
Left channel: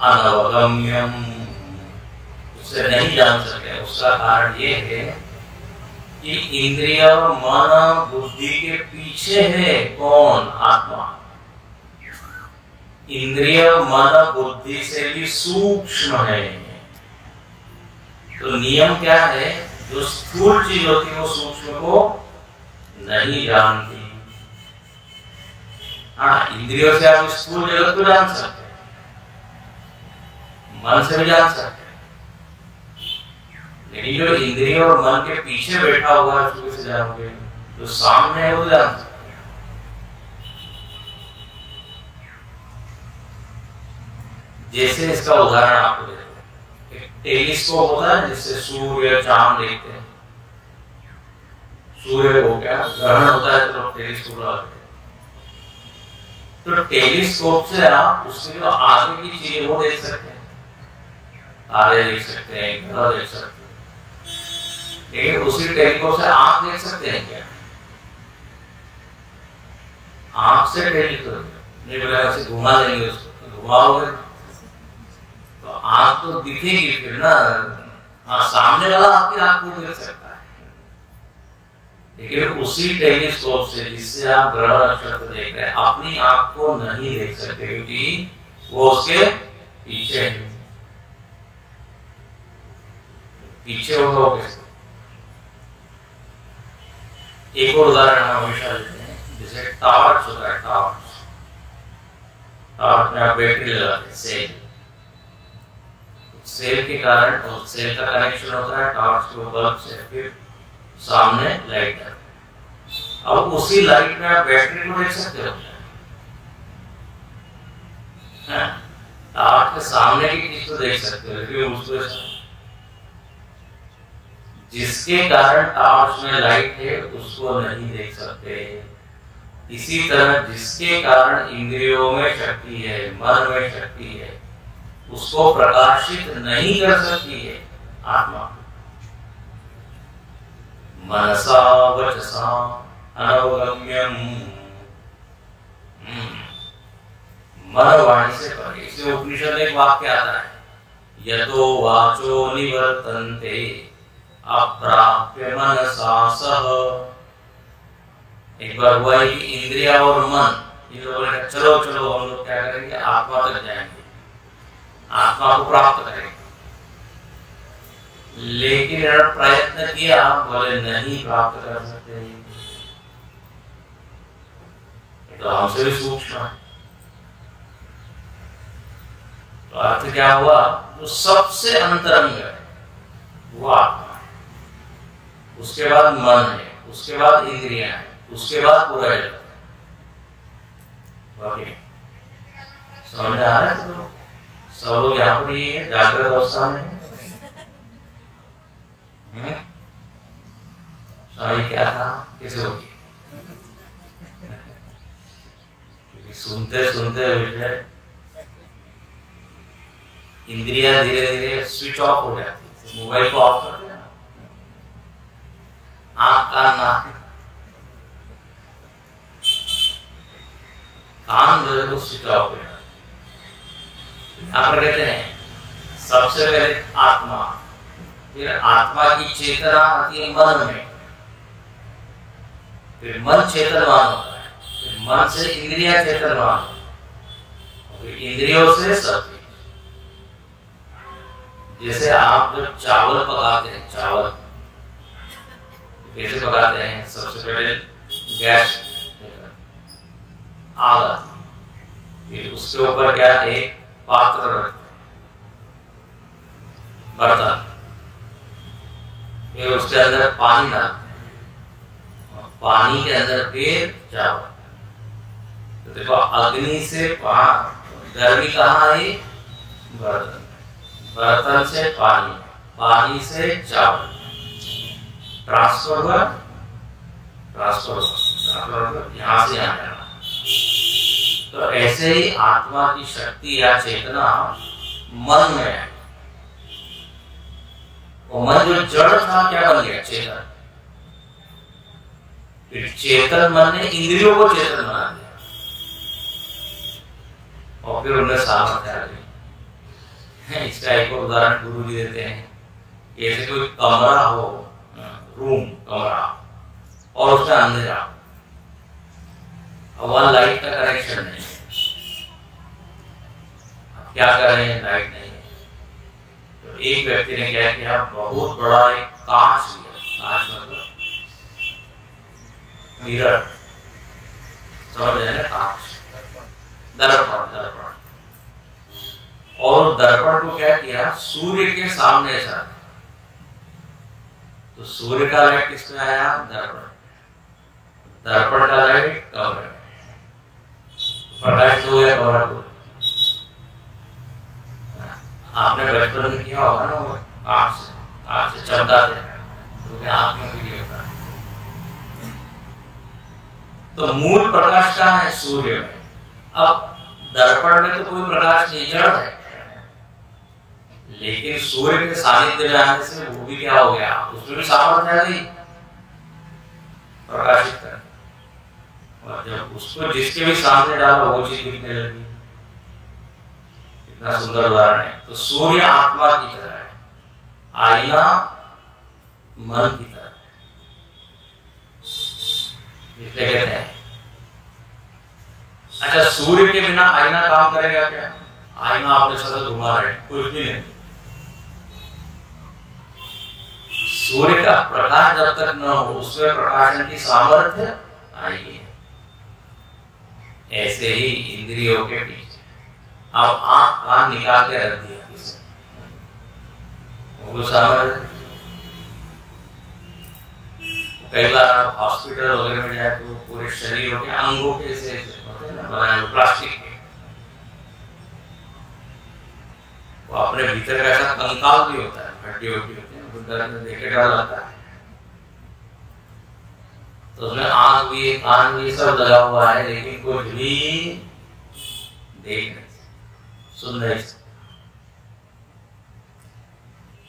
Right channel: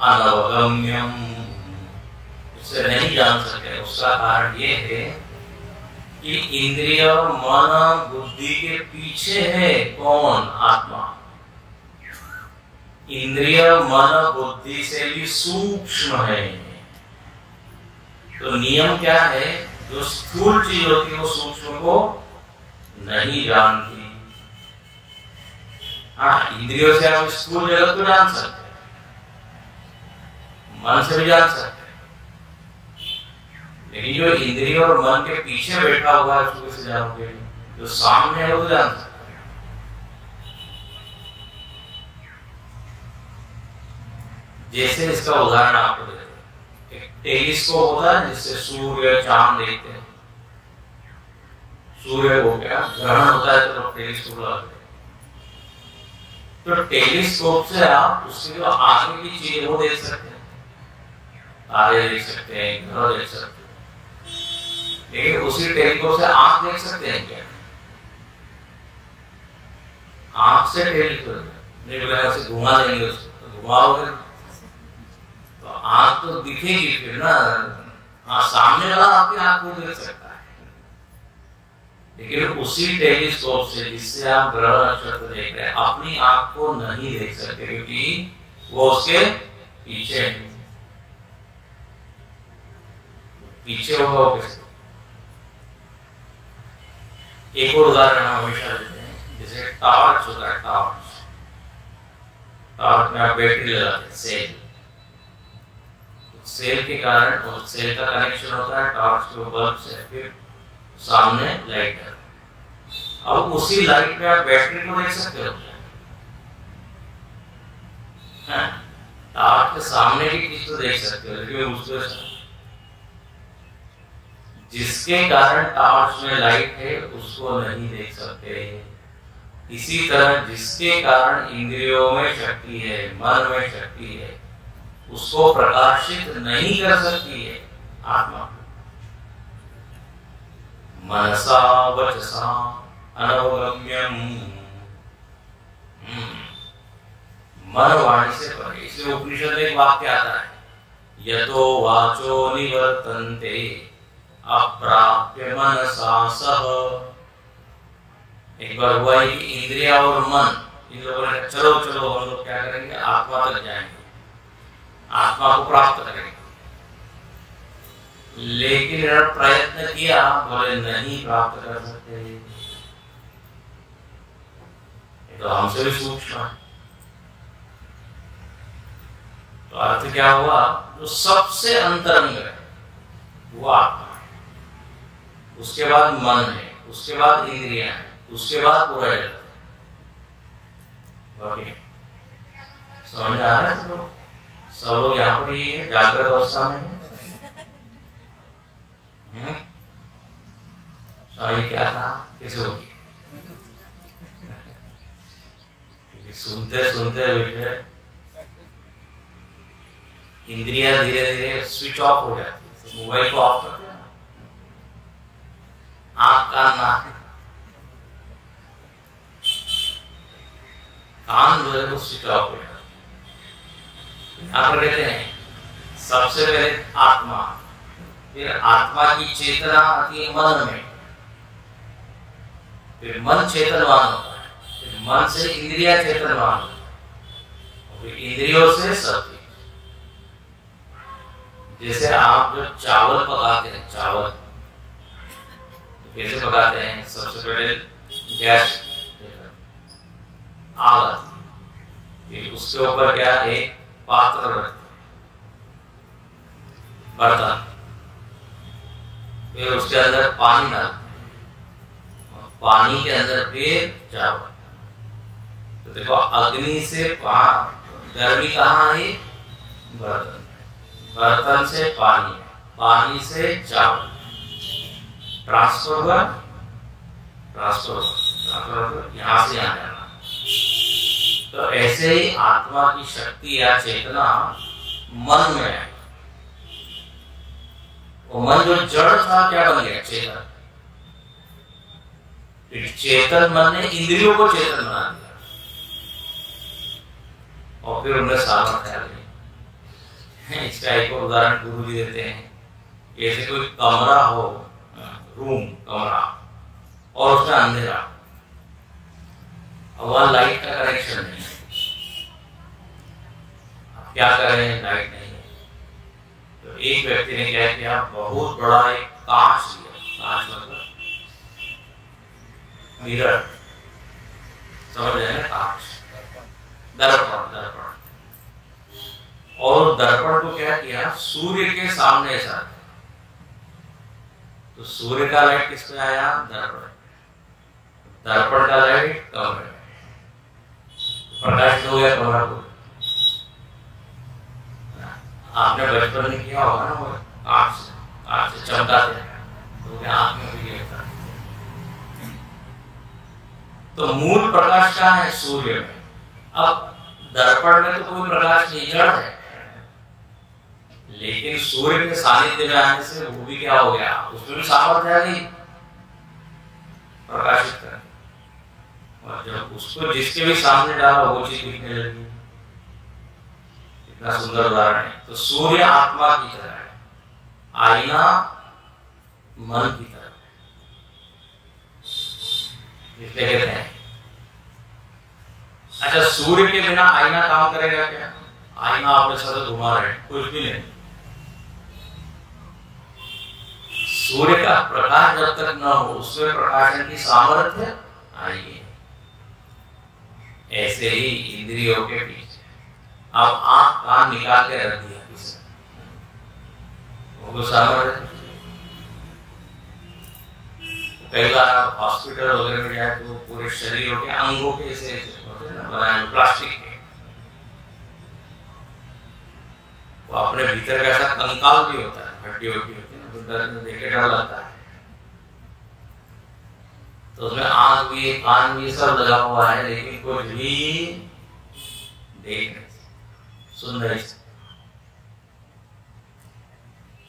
अनवगम्यम, उससे नहीं जान सकते। उसका कारण ये है कि इंद्रिय और मन बुद्धि के पीछे है कौन? आत्मा। इंद्रिय मन बुद्धि से भी सूक्ष्म है। तो नियम क्या है? जो स्थूल चीज होती है वो सूक्ष्म को नहीं जानती। हाँ, इंद्रियों से आप स्थूल जगत को जान सकते हैं, मन से भी जान सकते हैं, लेकिन जो इंद्रिय और मन के पीछे बैठा हुआ है उसको से जानोगे, जो सामने है वो जान सकते हैं। जैसे इसका उदाहरण आपको देते हैं, एक टेलीस्कोप होता है जिससे सूर्य चांद देखते हैं। सूर्य को क्या ग्रहण होता है तो टेलीस्कोप लगाते हैं। तो टेलीस्कोप से आप उसके जो आगे की चीजें वो देख सकते हैं, तारे देख सकते हैं, ग्रह देख सकते हैं, लेकिन उसी टेलीस्कोप से आप देख सकते हैं क्या? आंख से टेलीस्कोप नहीं बोला, ऐसे घुमा देंगे उसको, तो घुमाओगे तो आंख तो दिखेगी फिर ना। हाँ, सामने वाला आपकी आंख को देख सकता है, लेकिन उसी टेलीस्कोप से जिससे आप ग्रह नक्षत्र देख रहे हैं, अपनी आंख को नहीं देख सकते, क्योंकि वो उसके पीछे होगा। एक और उदाहरण हम हमेशा देते हैं, जैसे टॉर्च होता है। टॉर्च में आप बैटरी लगाते हैं, सेल के कारण, और सेल का कनेक्शन होता है टॉर्च के बल्ब से, फिर सामने लाइट है। अब उसी लाइट में आप बैटरी को देख सकते हो। टॉर्च के सामने की चीज तो देख सकते हो, लेकिन उसको जिसके कारण टॉर्च में लाइट है उसको नहीं देख सकते। इसी तरह जिसके कारण इंद्रियों में शक्ति है, मन में शक्ति है, उसको प्रकाशित नहीं कर सकती है आत्मा। मनसा वचसा अनवगम्यम, मन वाणी से परे। इसलिए उपनिषद में एक वाक्य आता है, यतो वाचो निवर्तन्ते अप्राप्य मनसा सह। एक बार हुआ है कि इंद्रिया और मन, इन लोगों ने कहा चलो चलो हम लोग क्या करेंगे, आत्मा तक जाएंगे, आत्मा को प्राप्त करेंगे। लेकिन प्रयत्न किया, बोले नहीं प्राप्त कर सकते, तो हमसे भी सूक्ष्म है। तो अर्थ क्या हुआ? जो सबसे अंतरंग है वो आत्मा, उसके बाद मन है, उसके बाद इंद्रियां है, उसके बाद पूरा जगत है। समझ आ रहा है? सब लोग यहाँ पर ही है, जागृत अवस्था में। स्वामी क्या था, कैसे होगी? सुनते सुनते इंद्रियां धीरे धीरे स्विच ऑफ हो जाती है। मोबाइल को ऑफ कर देना, आंख कान नाक कान जो है वो स्विच ऑफ हो जाता है। यहाँ पर कहते हैं सबसे पहले आत्मा, फिर आत्मा की चेतना आती है मन में, फिर मन चेतनवान होता है, फिर मन से इंद्रियां चेतनवान होता है, फिर इंद्रियों से सत्य। जैसे आप जो चावल पकाते हैं, चावल कैसे पकाते हैं? सबसे पहले गैस आग आती है, फिर उसके ऊपर क्या एक पात्र रखते हैं, बर्तन, फिर उसके अंदर पानी डालते हैं, पानी के अंदर फिर चावल। तो देखो अग्नि से गर्मी कहाँ आई? बर्तन, बर्तन से पानी, पानी से चावल, ट्रांसफर हुआ, ट्रांसफर यहाँ से यहाँ जाना। तो ऐसे ही आत्मा की शक्ति या चेतना मन में है। वो मन जो जड़ था क्या बन गया? चेतन। फिर चेतन मन ने इंद्रियों को चेतन बना दिया और फिर उन्हें सामर्थ्य आ गई। इसका एक और उदाहरण गुरु जी देते हैं। जैसे कोई कमरा हो, रूम कमरा, और उसमें अंधेरा, अब वहां लाइट का कनेक्शन नहीं है। अब क्या करें? लाइट नहीं है। तो एक व्यक्ति ने क्या किया, बहुत बड़ा एक कांच लिया, कांच मतलब मिरर, समझ रहे हैं? कांच, दर्पण, दर्पण। और दर्पण को क्या किया? सूर्य के सामने से। तो सूर्य का लाइट किस पे आया? दर्पण। दर्पण का लाइट कमरे में, प्रकाश हो गया कमरा को। आपने बचपन में किया होगा ना, वो आँख से चमकाते तो क्या आँख में भी होता है। तो मूल प्रकाश कहाँ है? सूर्य में। अब दर्पण में तो कोई प्रकाश नहीं, जड़ है, लेकिन सूर्य के सानिध्य में आने से वो भी क्या हो गया? उसमें भी सामर्थ्य है प्रकाशित करने। और जब उसको जिसके भी सामने डालो वो चीज दिखने लगी। इतना सुंदर उदाहरण है। तो सूर्य आत्मा की तरह है, आईना मन की तरह है। इसलिए कहते हैं, अच्छा सूर्य के बिना आईना काम करेगा क्या? आईना आपने सदा घुमा रहे, कुछ भी नहीं। सूर्य का प्रकाश जब तक न हो उसमें प्रकाशन की सामर्थ्य आएगी। ऐसे ही इंद्रियों के पीछे अब आंख कान निकाल के रख दिया किसी, वो सामर्थ्य। कई बार आप हॉस्पिटल वगैरह में जाए तो पूरे शरीर के अंगों के ऐसे होते हैं ना बनाए प्लास्टिक के, वो अपने भीतर का ऐसा कंकाल भी होता है, हड्डी होती है, देख के डर लगता है। तो उसमें आंख भी कान भी सब लगा हुआ है, लेकिन कुछ भी देख नहीं, सुन नहीं।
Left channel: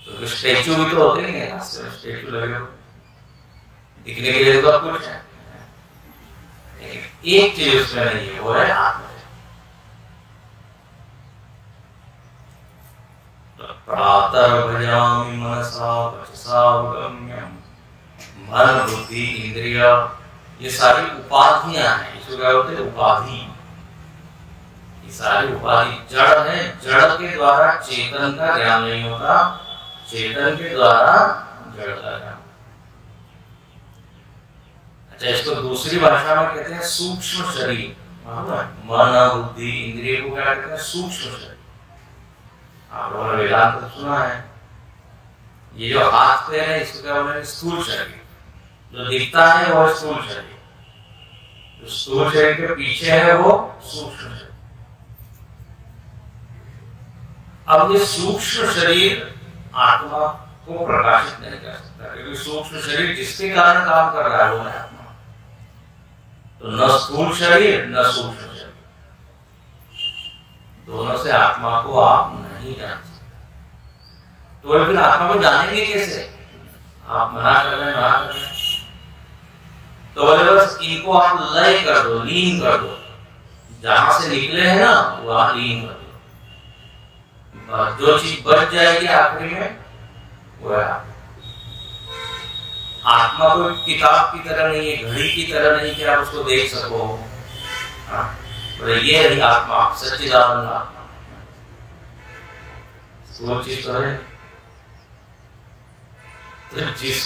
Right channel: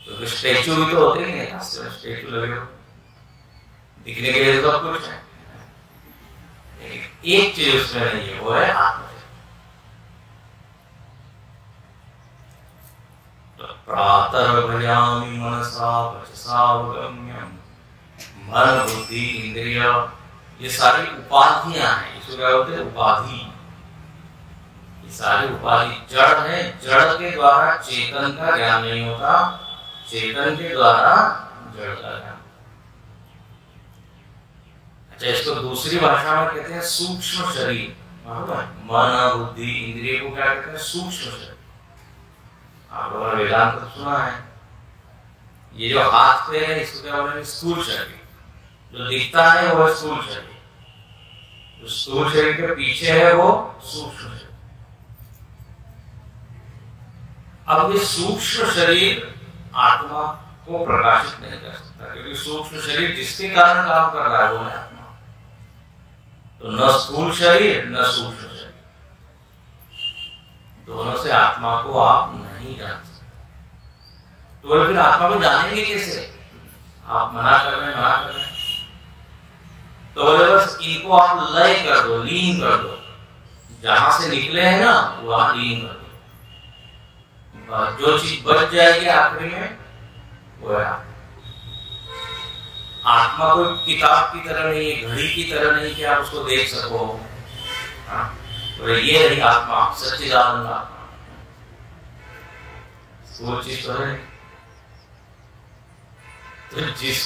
तो स्टैचू भी तो होते हैं, स्टैचू लगे हो दिखने के लिए तो सब कुछ है, लेकिन एक चीज उसमें नहीं है, वो है आत्मा। प्रातर्भजामि मनसा वचसा गम्यम, मन बुद्धि इंद्रिय, ये सारी उपाधियां हैं। इसको क्या बोलते हैं? उपाधि। ये सारी उपाधि जड़ है, जड़ के द्वारा चेतन का ज्ञान नहीं होता, चेतन के द्वारा जड़ का ज्ञान। अच्छा, इसको दूसरी भाषा में कहते हैं सूक्ष्म शरीर। मन बुद्धि इंद्रिय को क्या कहते हैं? सूक्ष्म शरीर। आप लोगों ने वेदांत सुना है, ये जो हाथ पैर है इसको क्या बोलेंगे? स्थूल शरीर। जो दिखता है वो स्थूल शरीर, जो स्थूल शरीर के पीछे है वो सूक्ष्म शरीर। अब ये सूक्ष्म शरीर आत्मा को प्रकाशित नहीं कर सकता, क्योंकि सूक्ष्म शरीर जिसके कारण काम कर रहा है वो है आत्मा। तो न स्थूल शरीर न सूक्ष्म शरीर, दोनों से आत्मा को आप नहीं जान सकते। तो फिर आत्मा को जानेंगे कैसे? आप मना कर रहे हैं। तो बोले बस इनको आप लय कर दो, लीन कर दो, जहां से निकले हैं ना वहां लीन कर दो। जो चीज बच जाएगी आखिरी में वो है आत्मा। कोई किताब की तरह नहीं है, घड़ी की तरह नहीं कि आप उसको देख सको। बोले ये रही आत्मा, सच्चिदानंद आत्मा। वो चीज तो है। तो जिस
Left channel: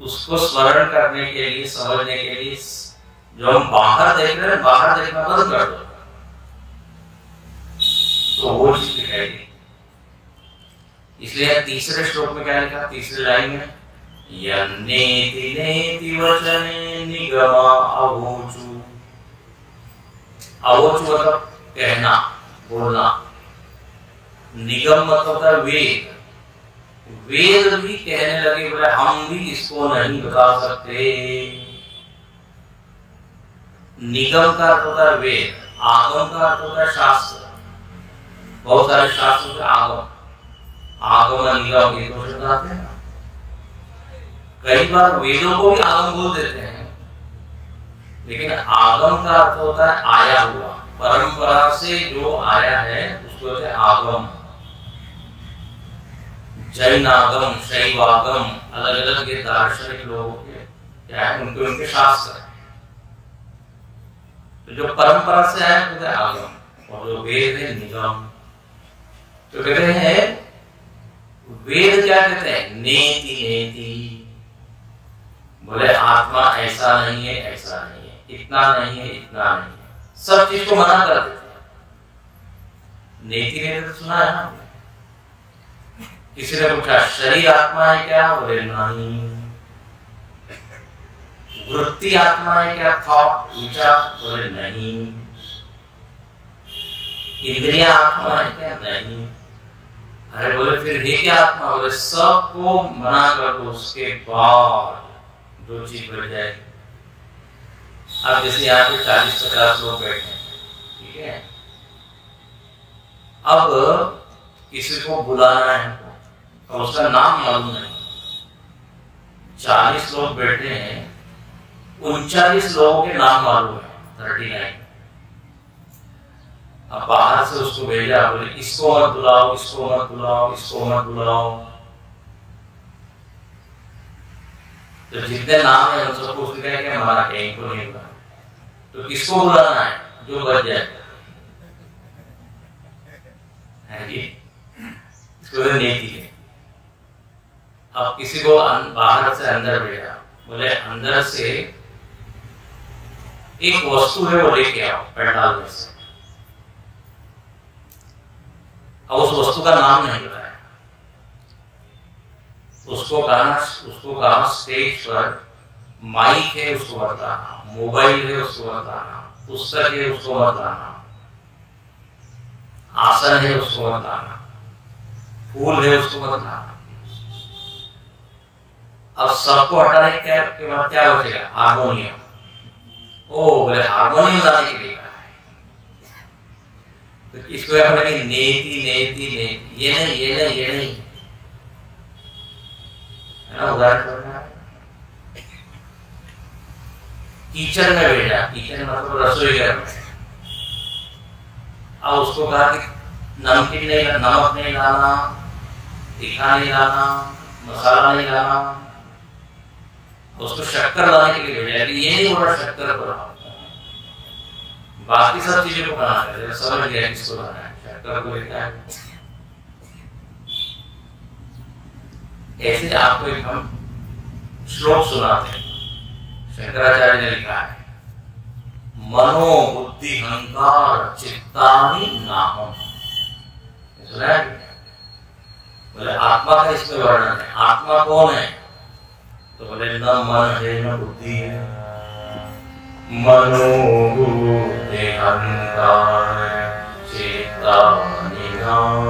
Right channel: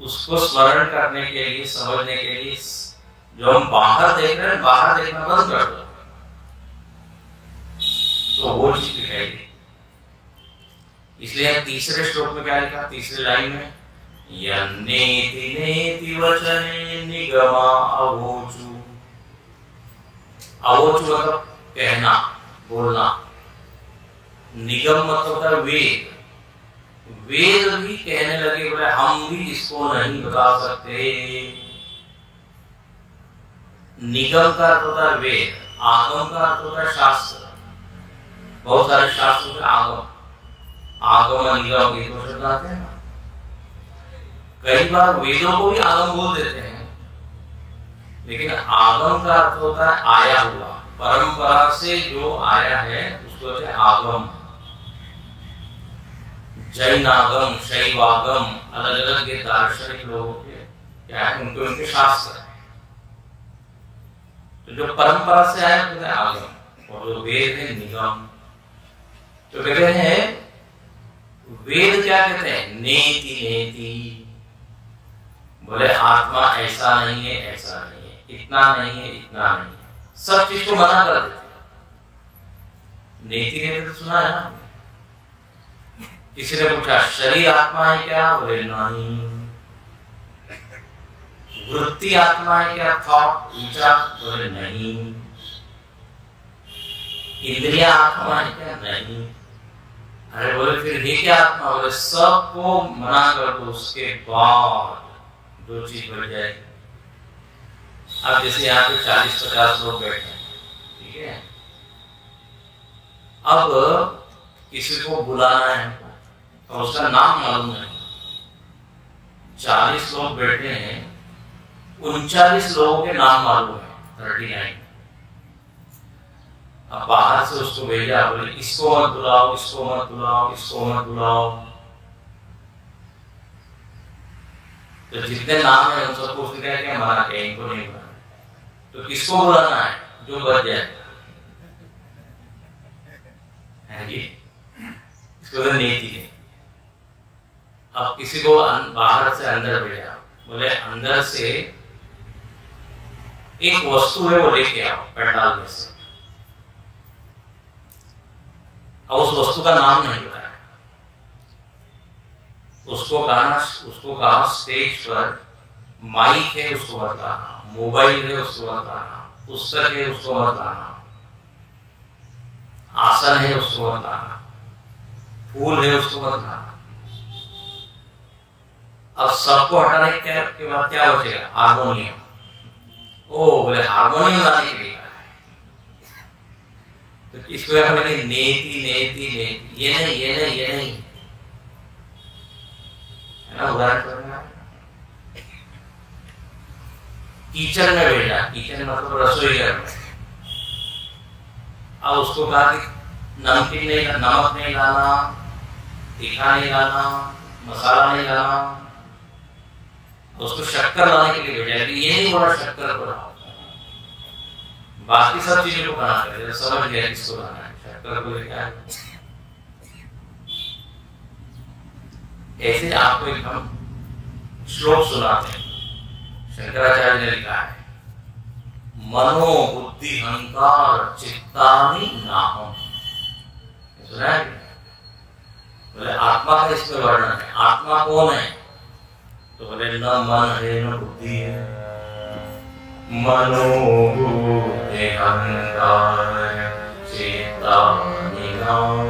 उसको स्मरण करने के लिए, समझने के लिए जो हम बाहर देख रहे हैं, बाहर देखना बंद कर दो, तो वो चीज दिखाई। इसलिए तीसरे श्लोक में क्या लिखा? तीसरी लाइन में यन्नेति नेति वचने निगमा अवोचु। अवोचु मतलब कहना, बोलना। निगम मतलब होता है वेद। वेद भी कहने लगे, बोले हम भी इसको नहीं बता सकते। निगम का अर्थ होता है वेद, आगम का अर्थ होता है शास्त्र। बहुत सारे शास्त्रों के आगम, आगम निगम ये तो शब्द आते हैं। कई बार वेदों को भी आगम बोल देते हैं, लेकिन आगम का अर्थ होता है आया हुआ, परंपरा से जो आया है उसको कहते हैं आगम। जैनागम, शैवागम, अलग अलग ये दार्शनिक लोगों के क्या है, उनके शास्त्र है। तो जो परंपरा से आया कहते हैं आगम, और जो वेद है निगम। तो कहते हैं वेद क्या कहते हैं? नेति नेति। बोले आत्मा ऐसा नहीं है, ऐसा नहीं है, इतना नहीं है, इतना नहीं है, सब चीज को मना कर देते हैं। नेति नेति तो सुना है ना? किसी ने पूछा शरीर आत्मा है क्या? बोले नहीं। वृत्ति आत्मा है क्या? थॉट, विचार? बोले नहीं। इंद्रिया आत्मा है क्या? नहीं। अरे बोले फिर ये क्या आत्मा? बोले सबको मना कर दो, उसके बाद जो चीज बन जाएगी। अब जैसे यहाँ पे 40-50 लोग बैठे हैं, ठीक है? अब किसी को बुलाना है, अब उसका नाम मालूम नहीं। 40 लोग बैठे हैं, 39 लोगों के नाम मालूम है, 39। अब बाहर से उसको भेजा, बोले इसको मत बुलाओ, इसको मत बुलाओ, इसको मत बुलाओ। तो जितने नाम है उन सबको उसने कहा कि हमारा क्या, इनको नहीं बुलाना। तो किसको बुलाना है? जो बच जाए। इसको नेति है। अब किसी को बाहर से अंदर भेजा, बोले अंदर से एक वस्तु है वो लेके आओ पंडाल में से। अब उस वस्तु का नाम नहीं बताया, उसको कहा स्टेज पर माइक है उसको बताना, मोबाइल है उसको बताना, पुस्तक है उसको बताना, आसन है उसको बताना, फूल है उसको बताना। अब सबको हटाने के बाद क्या बचेगा? हारमोनियम। ओ बोले हारमोनियम लाने के लिए तो इसको क्या बोलेंगे? नेति नेति नेति। ये नहीं, ये नहीं, ये नहीं, है ना? उदाहरण किचन में भेजा, किचन मतलब रसोई घर में। अब उसको कहा कि नमकीन नहीं, नमक नहीं लाना, तीखा नहीं लाना, मसाला नहीं लाना। उसको शक्कर लाने के लिए भेजा कि ये नहीं बोला शक्कर बनाओ, बाकी सब चीजों को बना कर समझ गया किसको बनाना है, शक्कर को क्या है। ऐसे आपको एक हम श्लोक सुनाते हैं, शंकराचार्य ने लिखा है, मनो बुद्धि अहंकार चित्तानि नाहम। सुना है? बोले आत्मा का इसमें वर्णन है। आत्मा कौन है? तो बोले न मन है न बुद्धि है। मनो बुद्धि अहंकार चेता निधान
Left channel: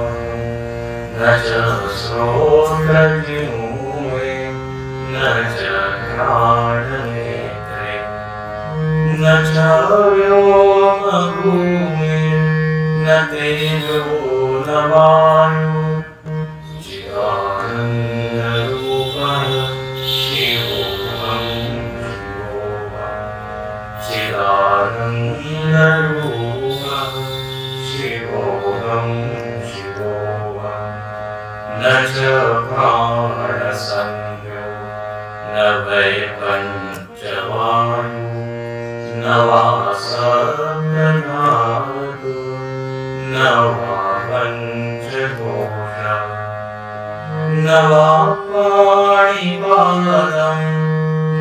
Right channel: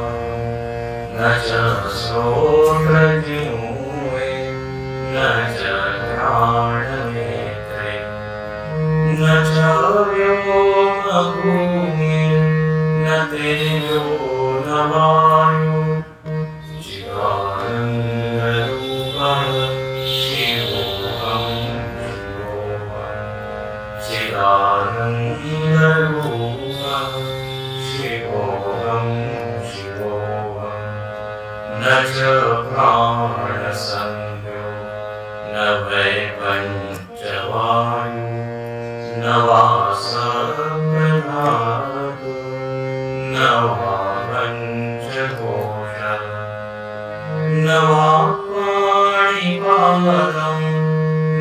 न च श्रोत्रजिह्वे न च घ्राणनेत्रे न च व्योमभूमि न तेजो न वायु चिदानन्दरूपः शिवोऽहं चिदानन्दरूपः शिवोऽहं न च प्राणसंज्ञो न वै पञ्चवायु न वा सप्तधातु न वा पञ्चकोशः न वा पाणिपादं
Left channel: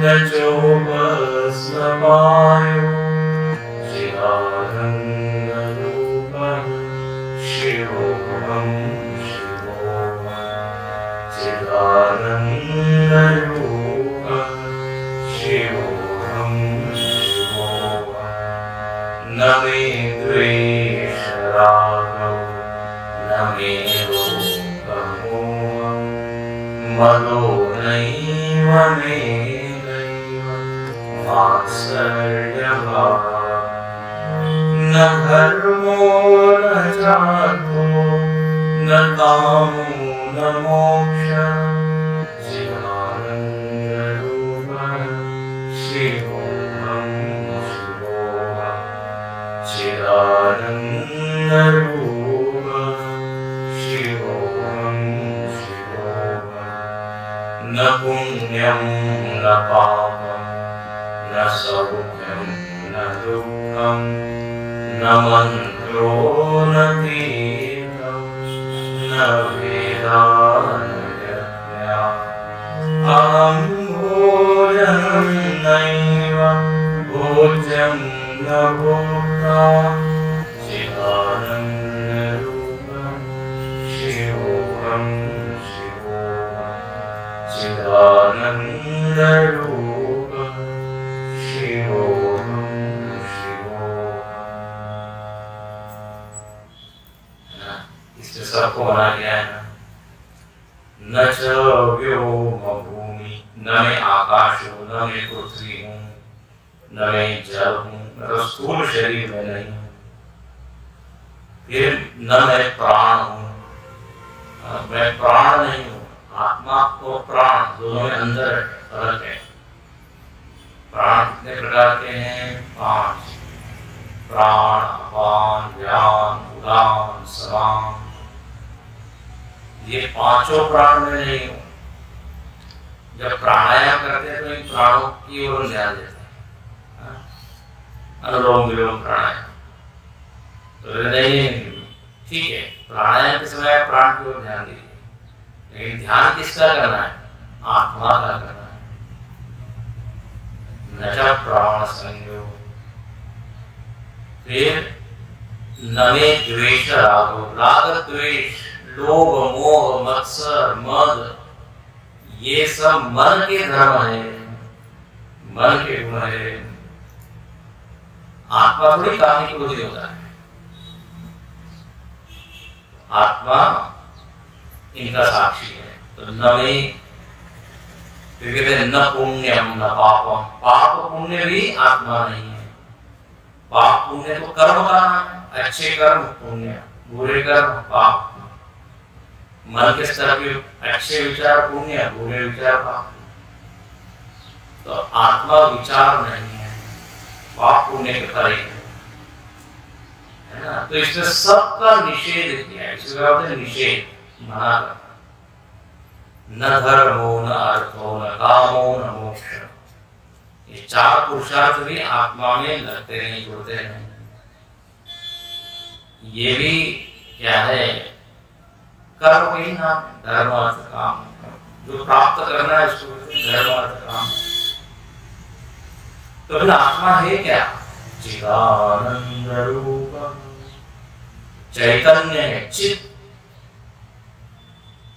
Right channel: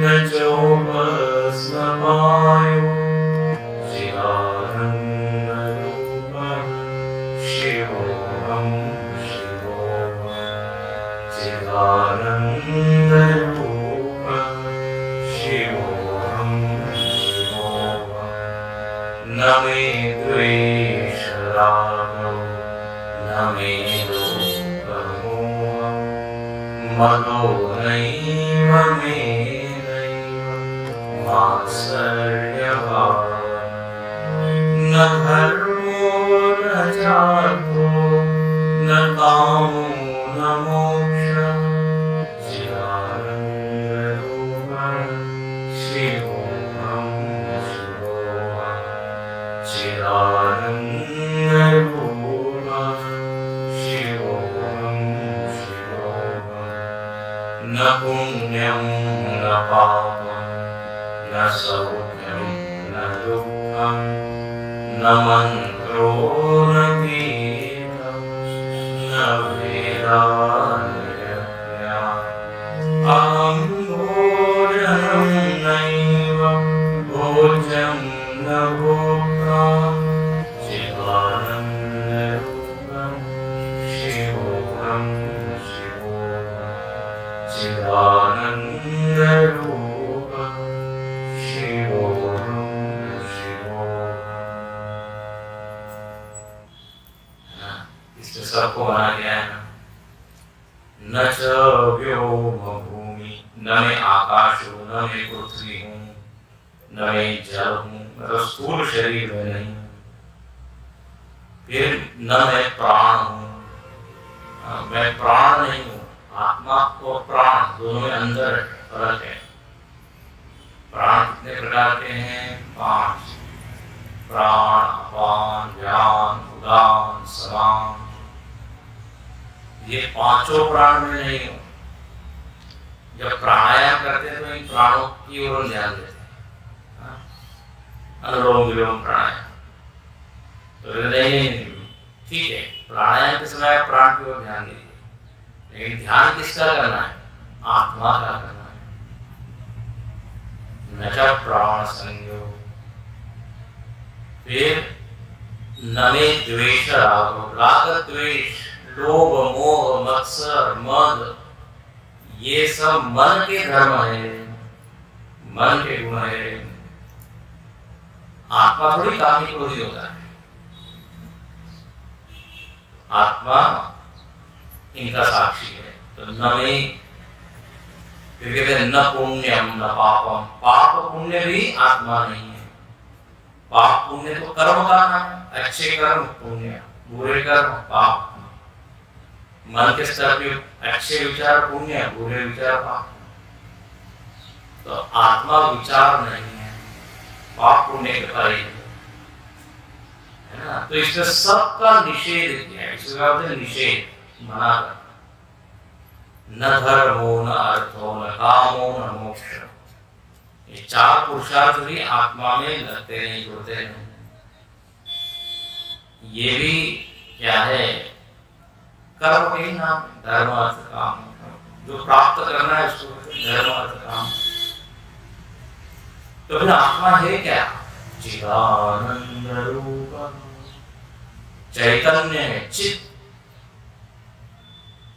न चोपस्मवायु चिदानन्दरूपः शिवोऽहं चिदानन्दरूपः शिवोऽहं न मे द्वेषरागो न मे लोभमोहः मनो नैव मे मात्सर्यभावः न धर्मो न चार्थो न कामो न मोक्षः चिदानन्दरूपः शिवोऽहं चिदानन्दरूपः शिवोऽहं न पुण्यं न पापं न सौख्यं न दुःखं न मन्त्रो न तीर्थं न वेदान्यज्ञः अहं भोजनं नैव भोज्यं न भोक्ता चिदानन्दरूपं शिवोऽहं चिदानन्दरूपं शिवोऽहं इसमें सबको माना गया है। न च व्योम भूमि, न मैं आकाश हूँ, न मैं पृथ्वी हूँ, न मैं जल हूँ, मतलब स्थूल शरीर में नहीं। फिर न मैं प्राण हूँ, मैं प्राण नहीं हूँ। आत्मा और प्राण दोनों में अंदर फर्क है। प्राण कितने प्रकार के हैं? 5। प्राण, अपान, व्यान, उदान, समान। ये 5 प्राण में नहीं हो। जब प्राणायाम करते हैं तो इन प्राणों की ओर ध्यान देते हैं, अनुलोम विलोम प्राणायाम। तो नहीं, ठीक है, प्राणायाम के समय प्राण की ओर ध्यान दीजिए, लेकिन ध्यान किसका करना है? आत्मा का करना है। न च प्राण संयोग। फिर न मे द्वेष रागो, राग द्वेष, लोभ मोह मत्सर मद, ये सब मन के धर्म है, मन के गुण है। आत्मा थोड़ी कामी क्रोधी होता है। आत्मा इनका साक्षी है। तो न में फिर कहते हैं न पुण्यम न पापम। पाप पुण्य भी आत्मा नहीं है। पाप पुण्य तो कर्म का नाम है। अच्छे कर्म पुण्य, बुरे कर्म पाप। मन के स्तर पे अच्छे विचार पुण्य, बुरे विचार पाप। तो आत्मा विचार नहीं है, पाप पुण्य के परे है ना। तो इसमें सबका निषेध किया है। इसमें कहते हैं निषेध, मना करना। न धर्मो न अर्थो न कामो न मोक्ष। ये 4 पुरुषार्थ भी आत्मा में लगते नहीं, जुड़ते नहीं। ये भी क्या है? कर्म के ही नाम, धर्म अर्थ काम। जो प्राप्त करना है उसको धर्म अर्थ काम। तो फिर आत्मा है क्या? चिदानंद रूप, चैतन्य है, चित।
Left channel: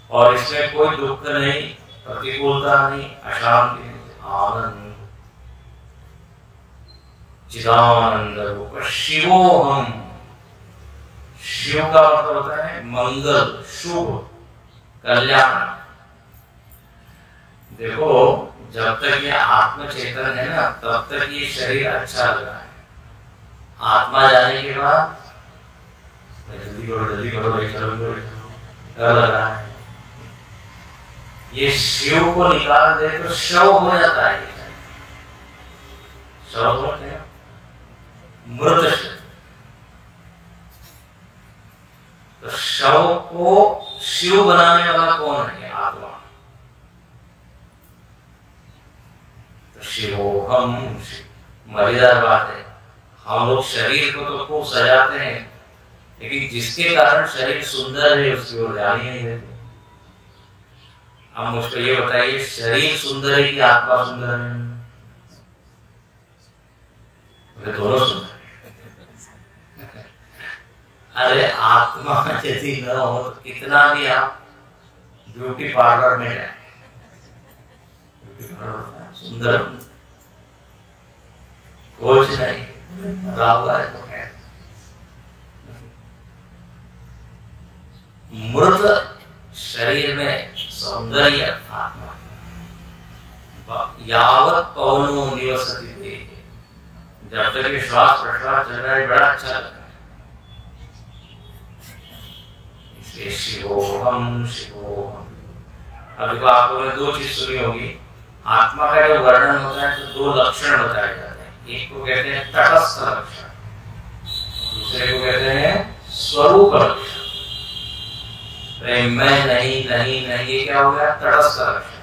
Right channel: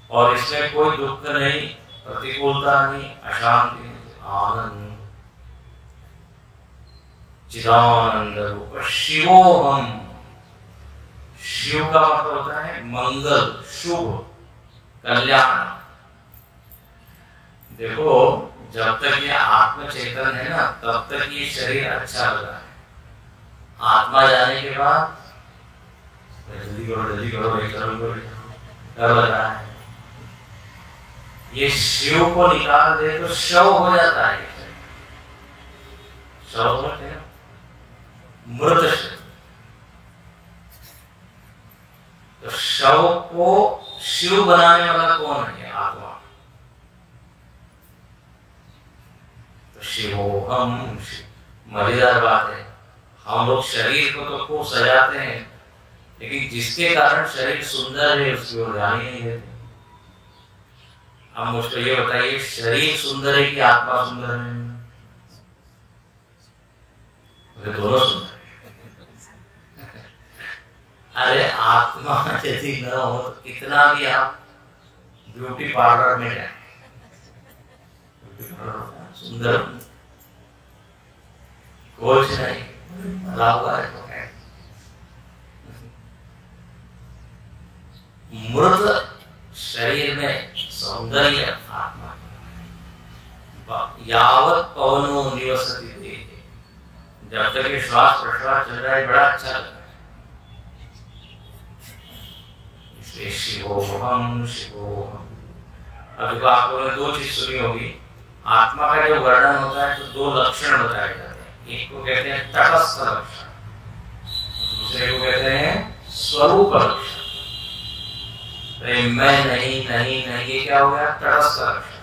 और इसमें कोई दुख नहीं, प्रतिकूलता नहीं, अशांति नहीं, आनंद, चिदानंद रूप शिवोहम। शिव का मतलब होता है मंगल, शुभ, कल्याण। देखो, जब तक ये आत्म चेतन है ना, तब तक ये शरीर अच्छा लग रहा है। आत्मा जाने के बाद जल्दी करो, जल्दी करो, डर लग रहा है। ये शिव को निकाल दे तो शव हो जाता है। शव बोलते हैं मृत शव। तो शव को शिव बनाने वाला कौन है? आत्मा। तो शिवोहम। मजेदार बात है, हम लोग शरीर को तो खूब सजाते हैं, लेकिन जिसके कारण शरीर सुंदर है उसकी ओर ध्यान ही नहीं देते। अब मुझको ये बताइए, शरीर सुंदर है कि आत्मा सुंदर है? दोनों सुंदर है। अरे आत्मा यदि न हो तो कितना भी आप ब्यूटी पार्लर में जाए, सुंदर कुछ नहीं है। मृत शरीर में सौंदर्य आत्मा। यावत पवनो निवसति देहे, जब तक ये श्वास प्रश्वास चल रहा है बड़ा अच्छा लग रहा है। इसलिए शिवोहम शिवोहम। अब देखो, आप लोगों ने दो चीज सुनी होगी। आत्मा का जो वर्णन होता है तो दो लक्षण बताए जाते हैं। एक को कहते हैं तटस्थ लक्षण, दूसरे को कहते हैं स्वरूप लक्षण। प्रेम में नहीं नहीं नहीं, ये क्या हो गया? तटस्थ लक्षण।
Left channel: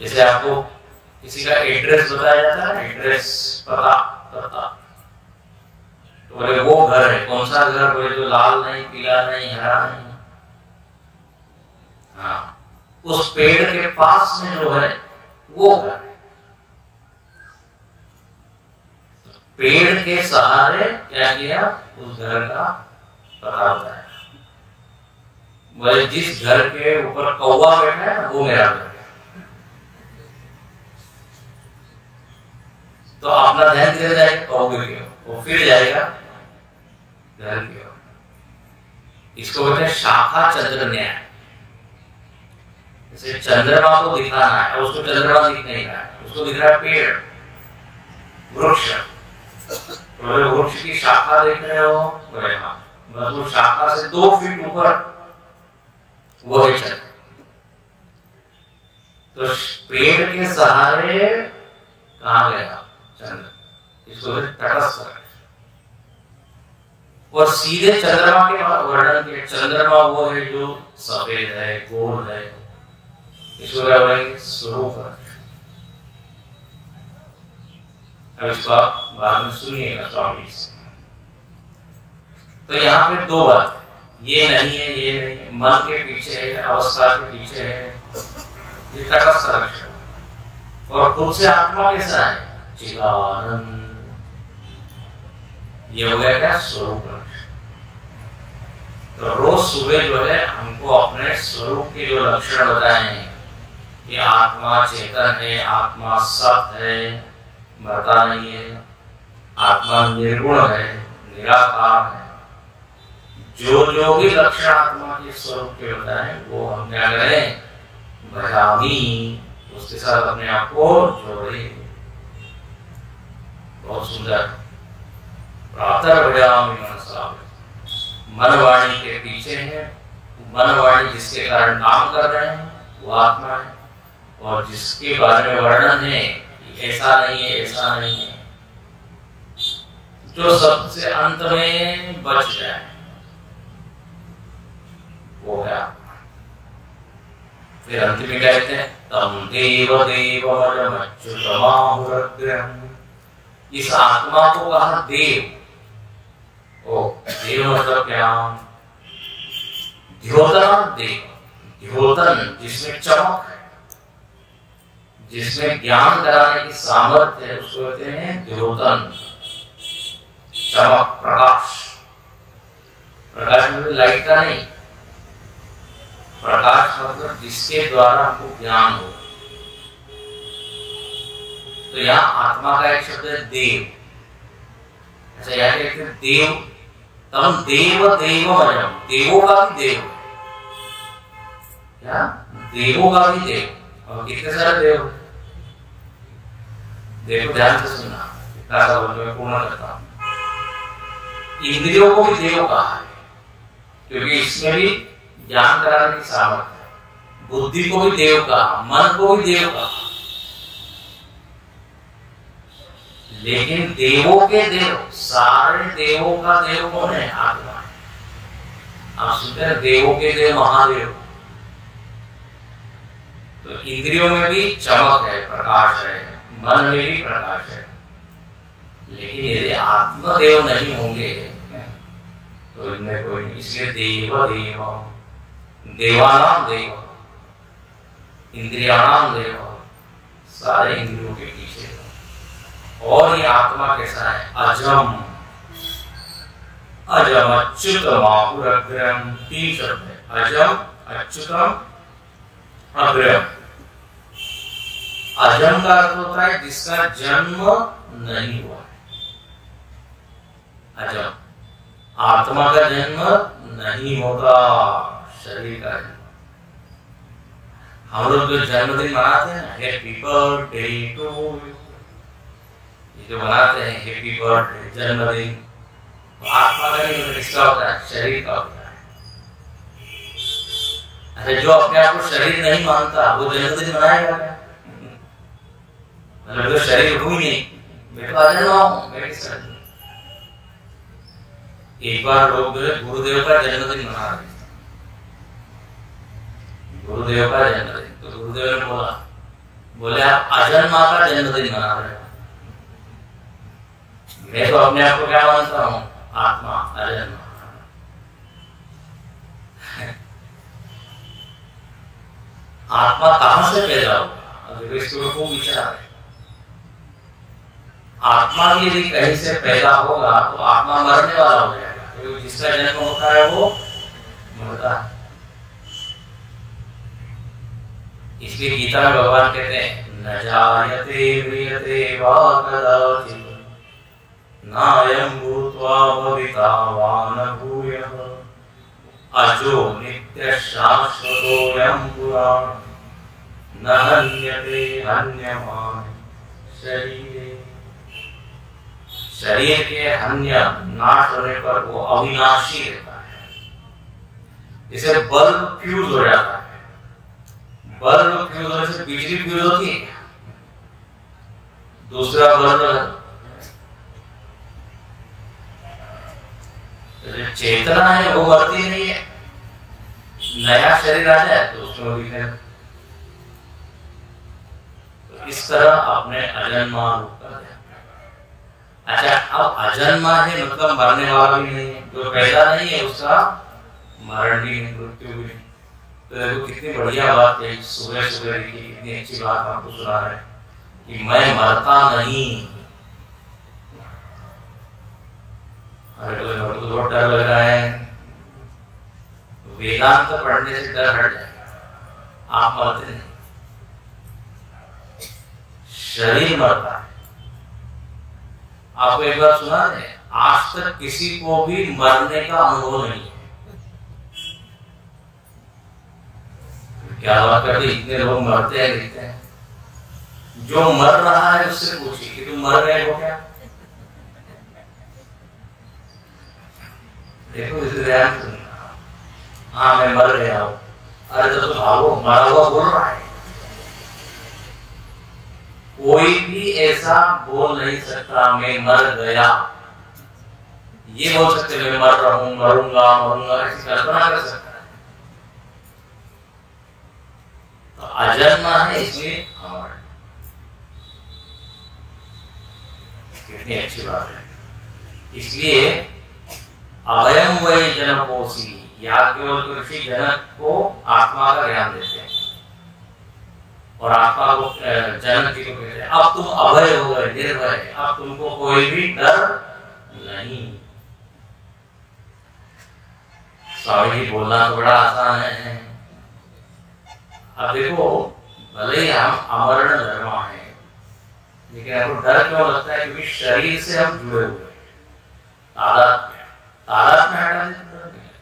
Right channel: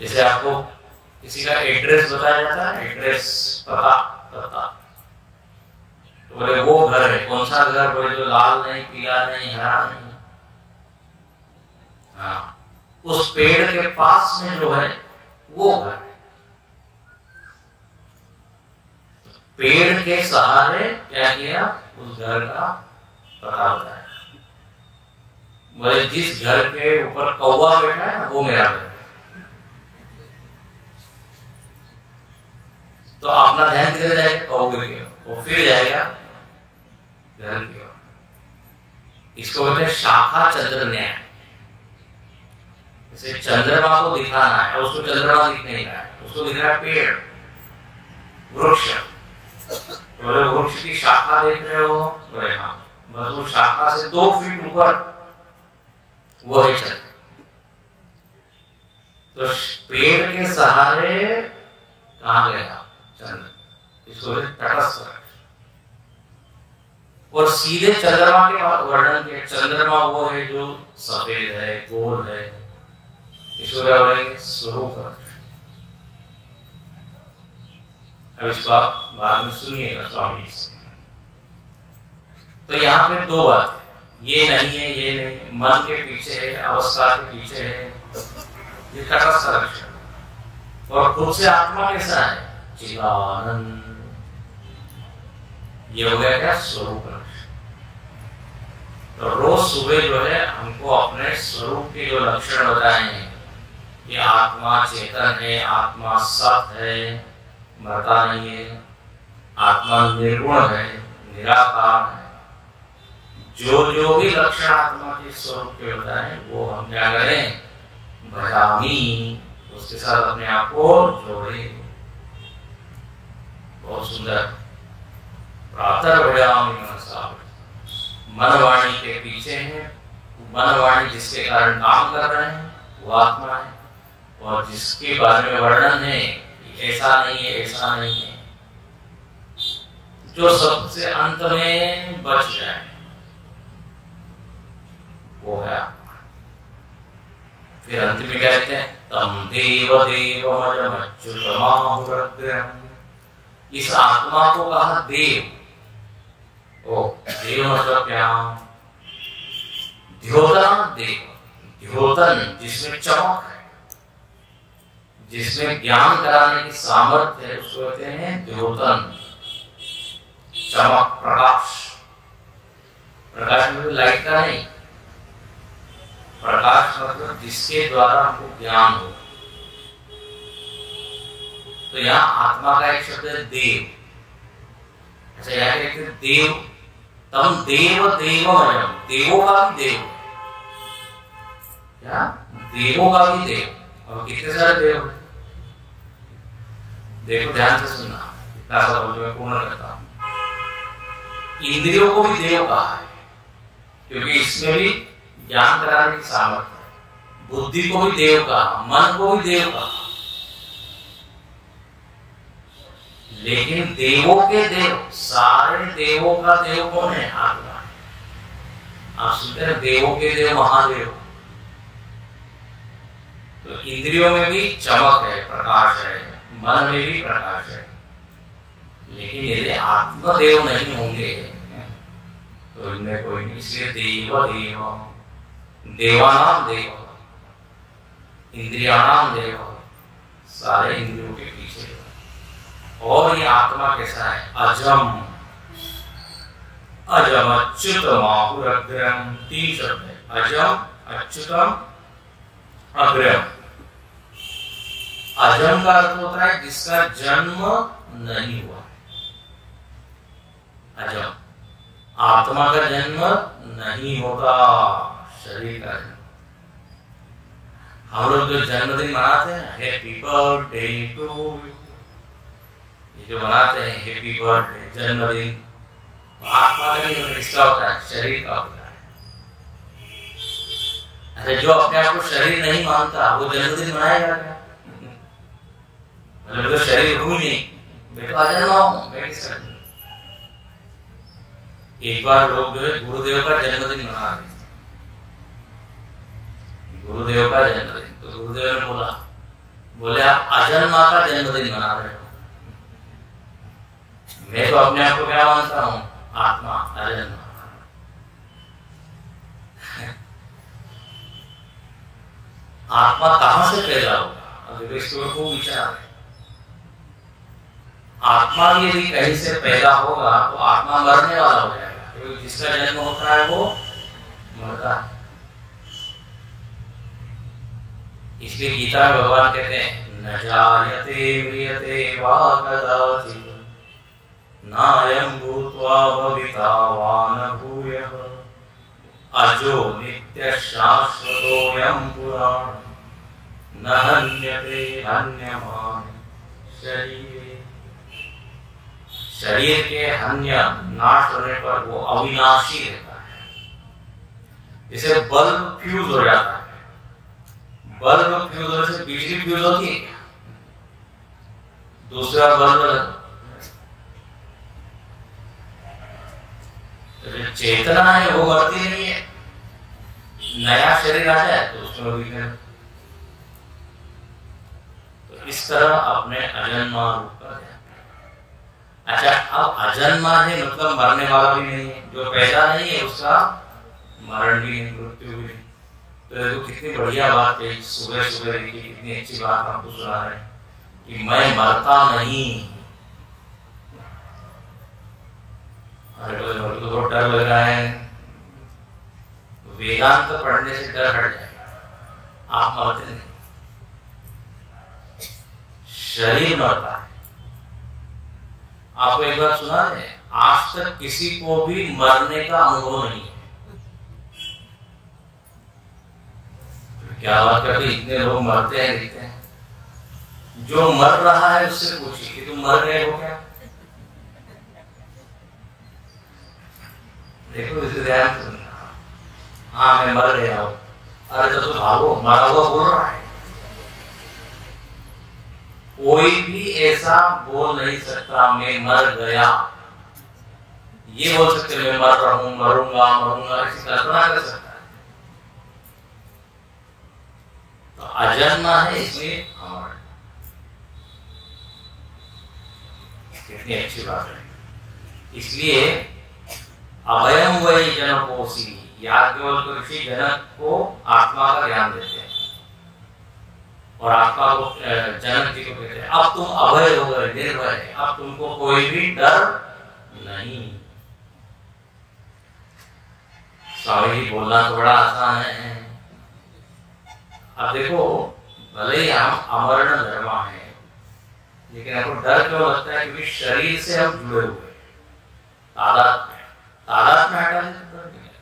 जैसे आपको किसी का एड्रेस बताया जाता है, एड्रेस, पता, पता, तो बोले वो घर है। कौन सा घर? बोले जो लाल नहीं, पीला नहीं, हरा नहीं। हाँ, उस पेड़ के पास में जो है वो घर है। पेड़ के सहारे क्या किया? उस घर का पता होता है। बोले जिस घर के ऊपर कौवा बैठा है वो मेरा घर है। तो अपना ध्यान किधर जाएगा? कौवे की ओर। वो फिर जाएगा घर की ओर। इसको कहते हैं शाखा चंद्र न्याय। जैसे चंद्रमा को दिखाना है, उसको चंद्रमा दिख नहीं रहा है, उसको दिख रहा है पेड़, वृक्ष। तो वृक्ष की शाखा देख रहे हो? बोले हाँ। बस वो शाखा से 2 फीट ऊपर वो है चंद्र। तो पेड़ के सहारे कहाँ गया चंद्र? इसको तटस्थ। और सीधे चंद्रमा के वर्णन किया। चंद्रमा वो है जो सफेद है, गोल है। इसको क्या बोलेंगे? स्वरूप। अब इसको आप बाद में सुनिएगा स्वामी से। तो यहाँ पे 2 बात, ये नहीं है, ये नहीं, मन के पीछे है, अवस्था के पीछे है, ये तटस्थ लक्षण। और खुद से आत्मा कैसा है? चिदानंद। ये हो गया क्या? स्वरूप लक्षण। तो रोज सुबह जो है हमको अपने स्वरूप के जो लक्षण बताए हैं कि आत्मा चेतन है, आत्मा सत है, मरता नहीं है, आत्मा निर्गुण है, निराकार है। जो जो भी लक्षण आत्मा के स्वरूप के बताए वो हम क्या करें? भजामी, उसके साथ अपने आप को जोड़े। बहुत सुंदर। प्रातः भजामी मनसा। मनवाणी के पीछे है। मनवाणी जिसके कारण काम कर रहे हैं वो आत्मा है, और जिसके बारे में वर्णन है ऐसा नहीं है, ऐसा नहीं है, जो सबसे अंत में बच जाए वो है आत्मा। फिर अंत में क्या कहते हैं? तम देव देवमजमच्युतमाहुरग्रहम्। इस आत्मा को कहा देव। ओ देव मतलब क्या? द्योतन देव। द्योतन जिसमें चमक है, जिसमें ज्ञान कराने की सामर्थ्य है, उसको कहते हैं द्योतन। चमक, प्रकाश। प्रकाश मतलब लाइट का नहीं, प्रकाश मतलब जिसके द्वारा हमको ज्ञान हो। तो यहाँ आत्मा का एक शब्द है देव। अच्छा, यहाँ कहते हैं देव, तम देव देवमयम, देवों का भी देव, क्या देवों का भी देव। और कितने सारे देव, देखो ध्यान से सुनना, इतना सा बोल मैं पूर्ण करता हूं। इंद्रियों को भी देव कहा है क्योंकि इसमें भी ज्ञान कराने की सामर्थ्य है। बुद्धि को भी देव कहा, मन को भी देव कहा। लेकिन देवों के देव, सारे देवों का देव कौन है? आत्मा। आप सुनते हैं देवों के देव महादेव। तो इंद्रियों में भी चमक है, प्रकाश है, मन में भी प्रकाश है। लेकिन यदि आत्मदेव नहीं होंगे तो इनमें कोई नहीं। इसलिए देव देव, देवानाम देव, इंद्रियाणाम देव, सारे इंद्रियों के पीछे। और ये आत्मा कैसा है? अजम, अजम अच्युत माहुरग्रम, 3 शब्द है। अजम, अच्युतम, अग्रम। अजम का अर्थ होता है जिसका जन्म नहीं हुआ। अजम, आत्मा का जन्म नहीं होता, शरीर का जन्म। हम लोग जो जन्मदिन मनाते हैं, हैप्पी बर्थडे टू यू, ये जो बनाते हैं हैप्पी बर्थडे, जन्मदिन, आत्मा का नहीं होता, किसका होता है? शरीर का होता है। अच्छा, जो अपने आप को शरीर नहीं मानता वो जन्मदिन मनाएगा क्या? मतलब तो शरीर हुई नहीं, मैं तो अजन्मा हूं, मैं किस तरह? एक बार लोग जो है गुरुदेव का जन्मदिन मना रहे थे, गुरुदेव का जन्मदिन। तो गुरुदेव ने बोले आप अजन्मा का जन्मदिन मना रहे हो। मैं तो अपने आप को क्या मानता हूँ? आत्मा, अजन्मा। आत्मा कहां से पैदा होगा? अब देखो इसके ऊपर खूब विचार है। आत्मा भी यदि कहीं से पैदा होगा तो आत्मा मरने वाला हो जाएगा, क्योंकि जिसका जन्म होता है वो मरता है। इसलिए गीता में भगवान कहते हैं न जायते म्रियते वा कदाचित् नायं भूत्वा भविता वा न भूयः अजो नित्यः शाश्वतोऽयं पुराणः न हन्यते हन्यमाने शरीरे। शरीर के हन्य, नाश होने पर वो अविनाशी रहता है। जैसे बल्ब फ्यूज हो जाता है, बल्ब फ्यूज होने से बिजली फ्यूज होती है, दूसरा बल्ब। चेतना है वो मरती नहीं है, नया शरीर आ जाए तो उसमें वो भी। तो इस तरह अपने अजन्मा रूप कर दिया। अच्छा, अब अजन्मा है मतलब मरने वाला भी नहीं है, जो पैदा नहीं है उसका मरण भी नहीं, मृत्यु भी नहीं। तो देखो कितनी बढ़िया बात है, सुबह सुबह देखिए कितनी अच्छी बात आपको सुना है कि मैं मरता नहीं। अरे तो बहुत डर लग रहा है, वेदांत पढ़ने से डर हट जाएगा। आप मरते नहीं, शरीर मरता है। आपको एक बार सुना है, आज तक किसी को भी मरने का अनुभव नहीं है। क्या बात करते, इतने लोग मरते हैं, लिखते हैं। जो मर रहा है उससे पूछिए कि तुम मर रहे हो क्या? देखो इसे ध्यान से, हाँ मैं मर गया हूं। अरे तो भागो, मरा हुआ बोल रहा है। कोई भी ऐसा बोल नहीं सकता मैं मर गया। ये बोल सकते मैं मर रहा हूं, मरूंगा मरूंगा, ऐसी कल्पना कर सकता है। तो अजन्मा है इसलिए अमर। कितनी अच्छी बात है। इसलिए अभयम वै जनकोसी, याज्ञवल्क्य ऋषि जनक को आत्मा का ज्ञान देते हैं और आत्मा को जनक जी को कहते हैं अब तुम अभय हो गए, निर्भय, अब तुमको कोई भी डर नहीं। स्वामी जी बोलना तो बड़ा आसान है। अब देखो, भले ही हम अमरण धर्म है, लेकिन हमको डर क्यों लगता है? क्योंकि शरीर से हम जुड़े हुए हैं, तादात्म्य हटा दें तो डर नहीं है,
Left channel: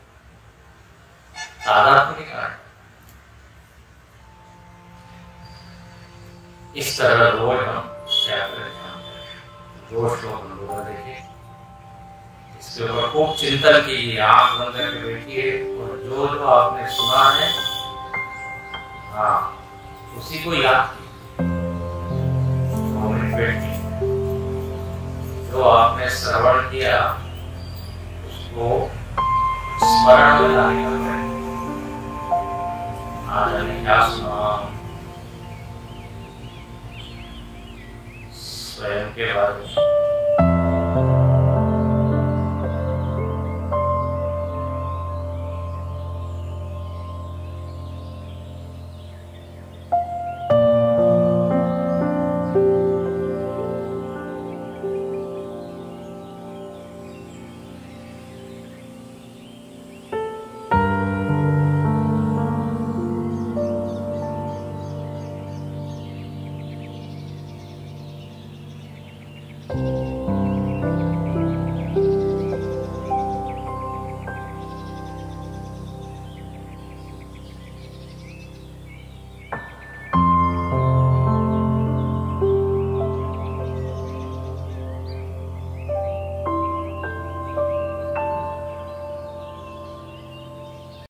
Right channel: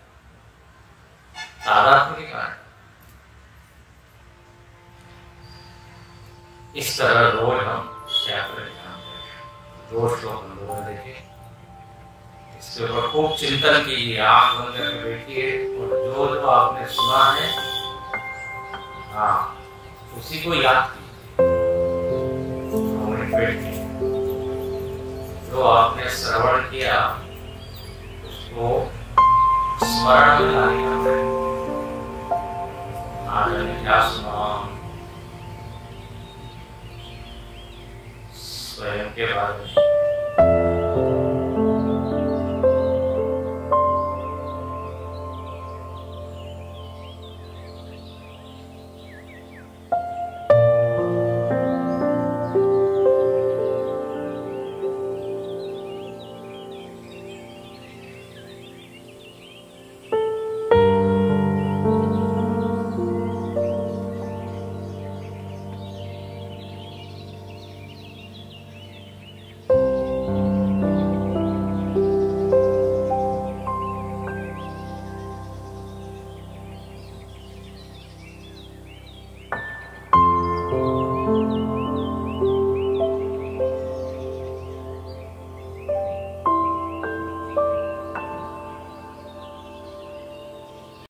तादात्म्य के कारण। इस तरह रोज हम क्या करें, दो श्लोक हम लोग देखें, इसके ऊपर खूब चिंतन कीजिए, आंख बंद करके बैठिए और जो जो आपने सुना है, हाँ, उसी को याद कीजिए। बैठिए, जो आपने श्रवण किया उसको स्मरण में लाने का प्रयत्न। आज हमने क्या सुना, स्वयं के बारे में